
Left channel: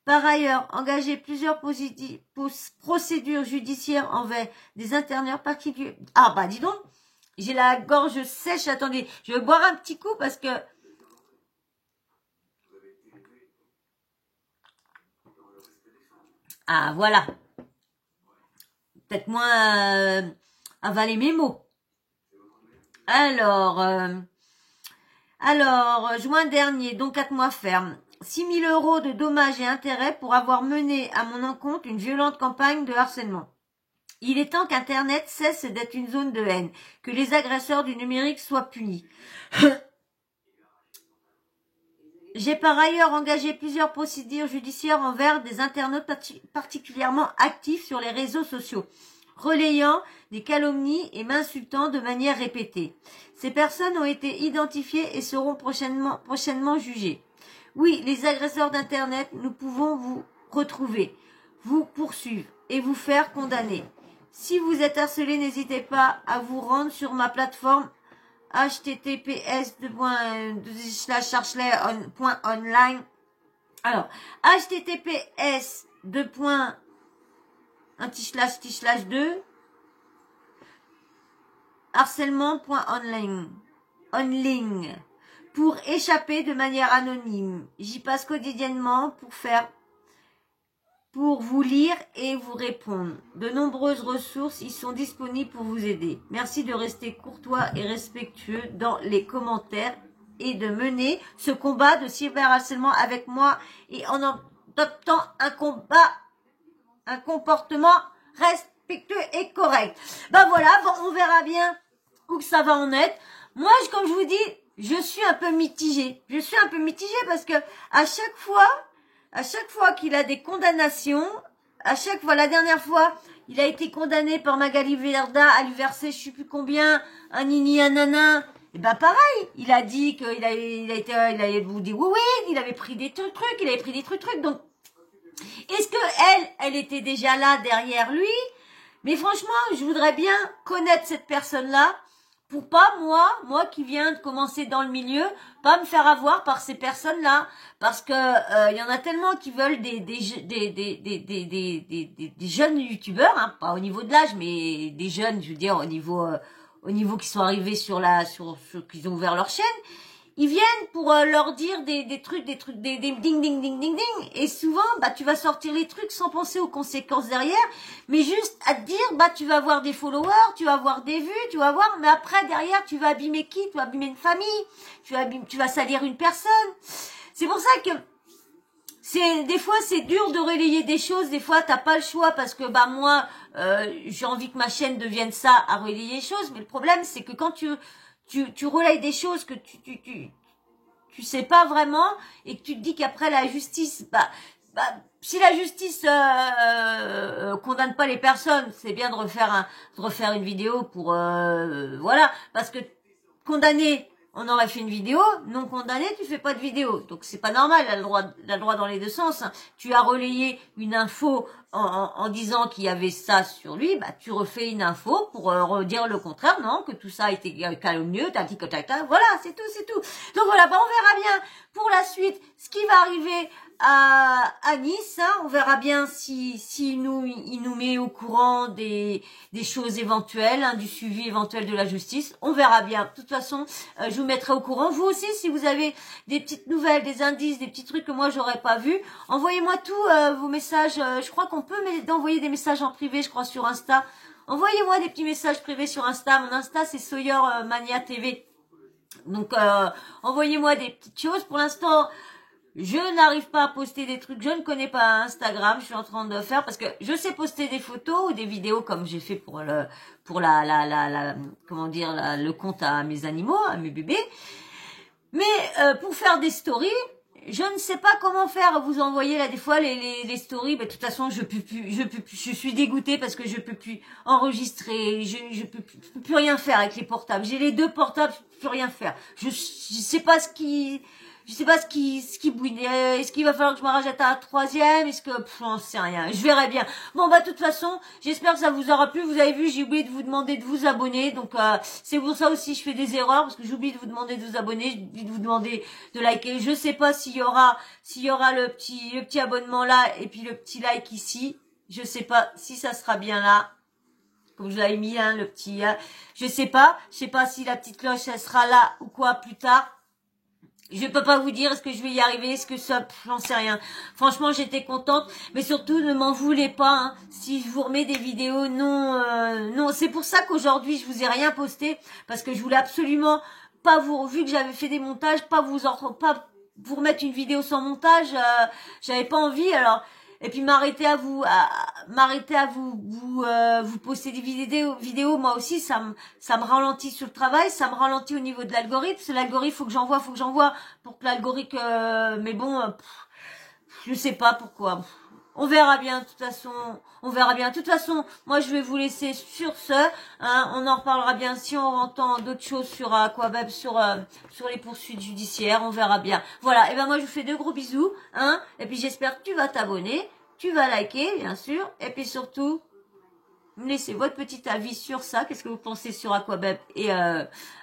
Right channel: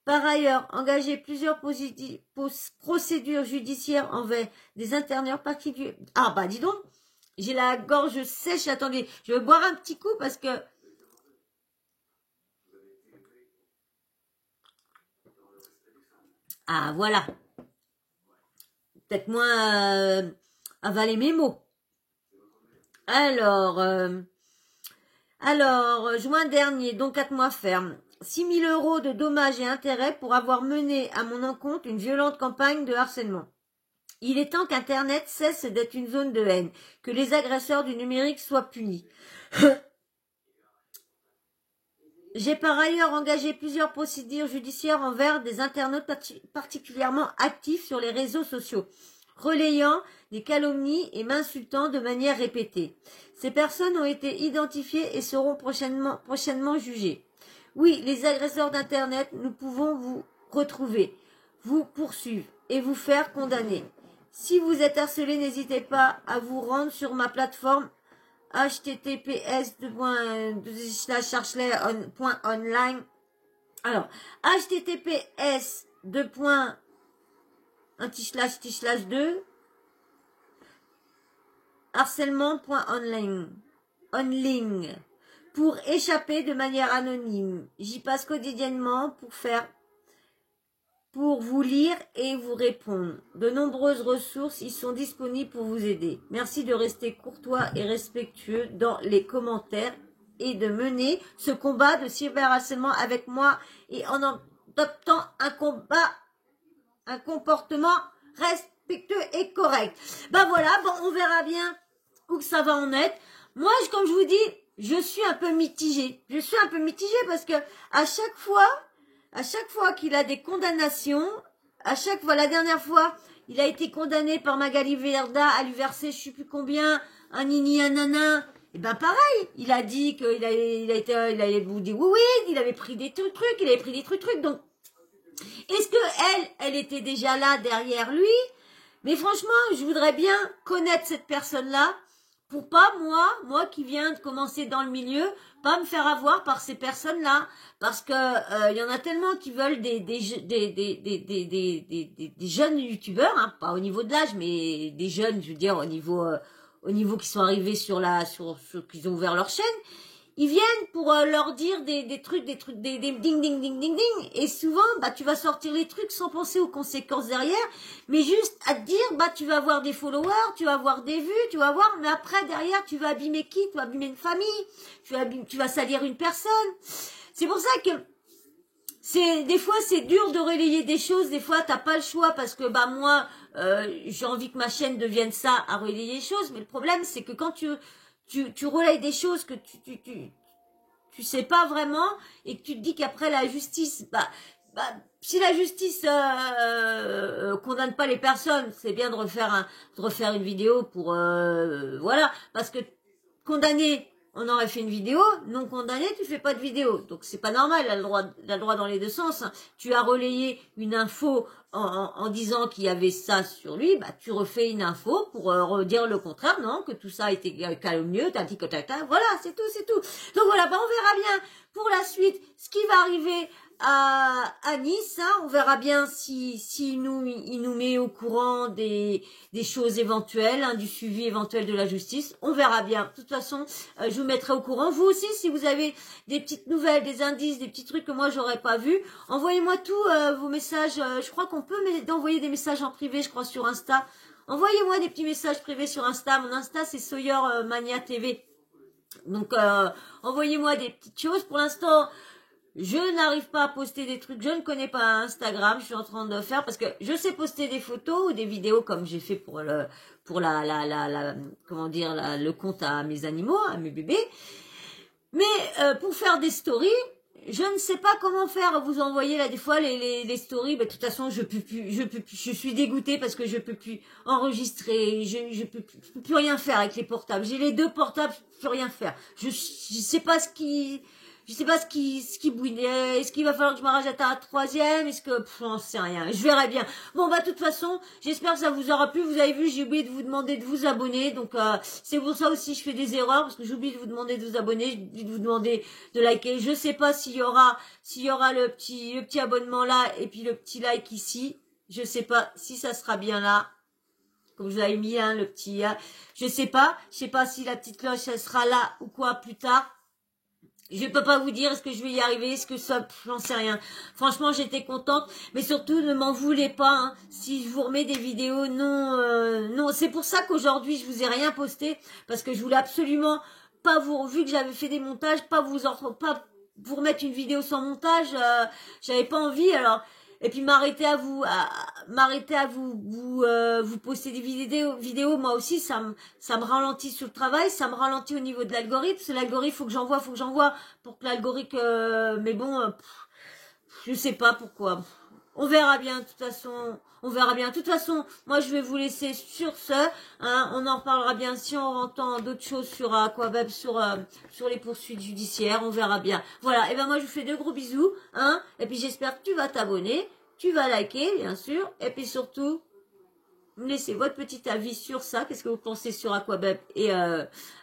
Par ailleurs, engager plusieurs procédures judiciaires envers des internautes particuliers. Ah bah dis donc, j'ai la gorge sèche, attendez, je vais boire un petit coup parce que... Ah voilà, peut-être moins avaler mes mots. Alors, juin dernier, donc 4 mois ferme. 6 000 € de dommages et intérêts pour avoir mené à mon encontre une violente campagne de harcèlement. Il est temps qu'Internet cesse d'être une zone de haine, que les agresseurs du numérique soient punis. J'ai par ailleurs engagé plusieurs procédures judiciaires envers des internautes particulièrement actifs sur les réseaux sociaux, relayant des calomnies et m'insultant de manière répétée. Ces personnes ont été identifiées et seront prochainement jugées. Oui, les agresseurs d'Internet, nous pouvons vous retrouver, vous poursuivre et vous faire condamner. Si vous êtes harcelé, n'hésitez pas à vous rendre sur ma plateforme https://online. Alors, https://2 harcèlement.online pour échapper de manière anonyme. J'y passe quotidiennement pour vous lire et vous répondre. De nombreuses ressources y sont disponibles pour vous aider. Merci de rester courtois et respectueux dans les commentaires et de mener ce combat de cyberharcèlement avec moi et en adoptant un comportement respectueux et correct. Ben voilà, bon, on verra bien où que ça va en être. Moi, comme je vous dis, je suis un peu mitigée. Je suis un peu mitigée parce que à chaque fois qu'il a des condamnations, la dernière fois, il a été condamné par Magali Verda à lui verser je sais plus combien, un nini, un nana. Et ben pareil, il a dit qu'il avait vous dit oui, il avait pris des trucs, donc est-ce que elle était déjà là derrière lui? Mais franchement, je voudrais bien connaître cette personne-là pour pas, moi qui viens de commencer dans le milieu, pas me faire avoir par ces personnes-là. Parce que y en a tellement qui veulent des jeunes youtubeurs, hein, pas au niveau de l'âge, mais des jeunes, je veux dire, au niveau qui sont arrivés qu'ils ont ouvert leur chaîne. Ils viennent pour leur dire des trucs, des ding. Et souvent, bah, tu vas sortir les trucs sans penser aux conséquences derrière, mais juste à te dire, bah, tu vas avoir des followers, tu vas avoir des vues, mais après, derrière, tu vas abîmer qui? Tu vas abîmer une famille, tu vas salir une personne. C'est pour ça que des fois, c'est dur de relayer des choses, des fois, t'as pas le choix parce que, bah, moi, j'ai envie que ma chaîne devienne ça à relayer les choses, mais le problème, c'est que quand tu relayes des choses que tu sais pas vraiment et que tu te dis qu'après la justice, si la justice condamne pas les personnes, c'est bien de refaire une vidéo pour voilà, parce que condamné, on aurait fait une vidéo, non condamné, tu fais pas de vidéo. Donc c'est pas normal, elle a le droit dans les deux sens. Hein. Tu as relayé une info en disant qu'il y avait ça sur lui, bah tu refais une info pour redire le contraire, non, que tout ça a été calomnieux, t'as dit que voilà, c'est tout. Donc voilà, bah on verra bien pour la suite ce qui va arriver à Nice, hein. On verra bien si il nous met au courant des choses éventuelles, hein, du suivi éventuel de la justice. On verra bien. De toute façon, je vous mettrai au courant. Vous aussi, si vous avez des petites nouvelles, des indices, des petits trucs que moi j'aurais pas vu, envoyez-moi tous vos messages. Je crois qu'on peut envoyer des messages en privé, je crois, sur Insta. Envoyez-moi des petits messages privés sur Insta. Mon Insta, c'est Sawyer Mania TV. Donc, envoyez-moi des petites choses. Pour l'instant, je n'arrive pas à poster des trucs. Je ne connais pas Instagram. Je suis en train de faire parce que je sais poster des photos ou des vidéos comme j'ai fait pour comment dire, le compte à mes animaux, à mes bébés. Mais pour faire des stories, je ne sais pas comment faire. Vous envoyez là des fois les stories. Ben, de toute façon, je peux plus. Je suis dégoûtée parce que je peux plus enregistrer. Je peux plus rien faire avec les portables. J'ai les 2 portables, je peux plus rien faire. Je sais pas ce qui bouille. Est-ce qu'il va falloir que je me rajoute à un 3e? Est-ce que, j'en sais rien. Je verrai bien. Bon, bah, de toute façon, j'espère que ça vous aura plu. Vous avez vu, j'ai oublié de vous demander de vous abonner. Donc, c'est pour ça aussi, je fais des erreurs parce que j'oublie de vous demander de vous abonner. J'oublie de vous demander de liker. Je sais pas s'il y aura le petit abonnement là et puis le petit like ici. Je sais pas si ça sera bien là. Comme je vous avais mis, hein, le petit, je sais pas si la petite cloche, elle sera là ou quoi plus tard. Je peux pas vous dire, est-ce que je vais y arriver, est-ce que ça, j'en sais rien. Franchement, j'étais contente, mais surtout, ne m'en voulez pas, hein, si je vous remets des vidéos, non. C'est pour ça qu'aujourd'hui, je vous ai rien posté, parce que je voulais absolument pas vu que j'avais fait des montages, pas vous remettre une vidéo sans montage, j'avais pas envie, alors. Et puis m'arrêter à vous poster des vidéos, moi aussi ça me ralentit sur le travail, ça me ralentit au niveau de l'algorithme. C'est l'algorithme, faut que j'envoie pour que l'algorithme mais bon, je sais pas pourquoi. On verra bien, de toute façon, on verra bien. De toute façon, moi je vais vous laisser sur ce, hein, on en reparlera bien si on entend d'autres choses sur Aquaweb, sur les poursuites judiciaires, on verra bien. Voilà, et ben moi je vous fais de gros bisous, hein, et puis j'espère que tu vas t'abonner, tu vas liker, bien sûr, et puis surtout, me laissez votre petit avis sur ça, qu'est-ce que vous pensez sur Aquaweb et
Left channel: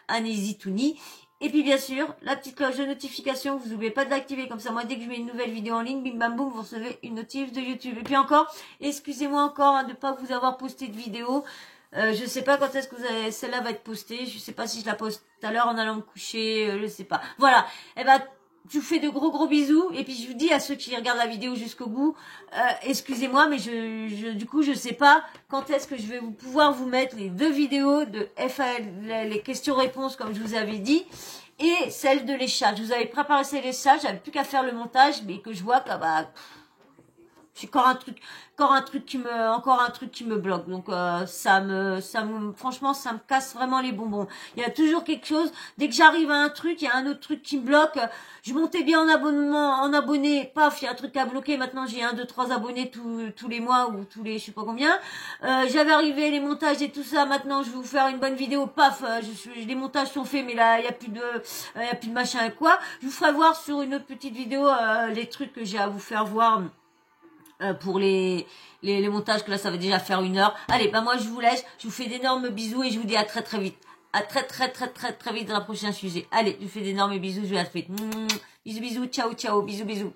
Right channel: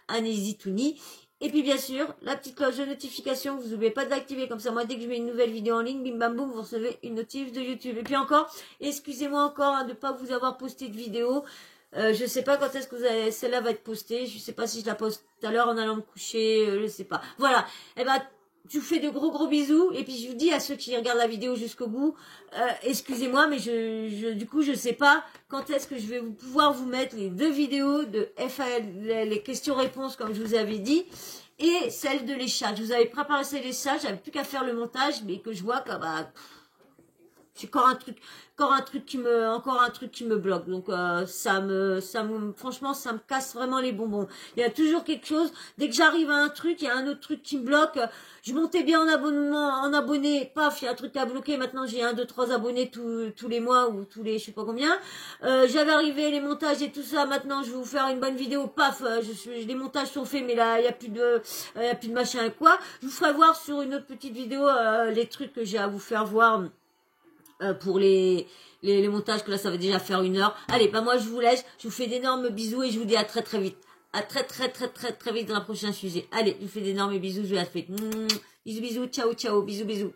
Anésie Touni. Et puis bien sûr, la petite cloche de notification, vous n'oubliez pas de l'activer, comme ça moi dès que je mets une nouvelle vidéo en ligne, bim bam boum, vous recevez une notif de YouTube. Et puis encore, excusez-moi encore hein, de ne pas vous avoir posté de vidéo. Je sais pas quand est-ce que celle-là va être postée, je sais pas si je la poste tout à l'heure en allant me coucher, je sais pas. Voilà, et ben je vous fais de gros bisous et puis je vous dis à ceux qui regardent la vidéo jusqu'au bout, excusez-moi mais du coup je sais pas quand est-ce que je vais pouvoir vous mettre les 2 vidéos de FAL, les questions-réponses comme je vous avais dit, et celle de les chats. Je vous avais préparé celle des chats, j'avais plus qu'à faire le montage, mais que je vois que bah c'est encore un truc qui me bloque. Donc franchement, ça me casse vraiment les bonbons. Il y a toujours quelque chose. Dès que j'arrive à un truc, il y a un autre truc qui me bloque. Je montais bien en abonnés, paf, il y a un truc à bloquer. Maintenant, j'ai 1, 2, 3 abonnés tous les mois ou tous les, je sais pas combien. J'avais arrivé les montages et tout ça. Maintenant, je vais vous faire une bonne vidéo. Paf, les montages sont faits, mais là, il y a plus de machin et quoi. Je vous ferai voir sur une autre petite vidéo les trucs que j'ai à vous faire voir. Pour les montages, que là ça va déjà faire 1 heure. Allez, bah moi je vous laisse, je vous fais d'énormes bisous et je vous dis à très vite. À très vite dans un prochain sujet. Allez, je vous fais d'énormes bisous, je vous la fais. Bisous, ciao, bisous.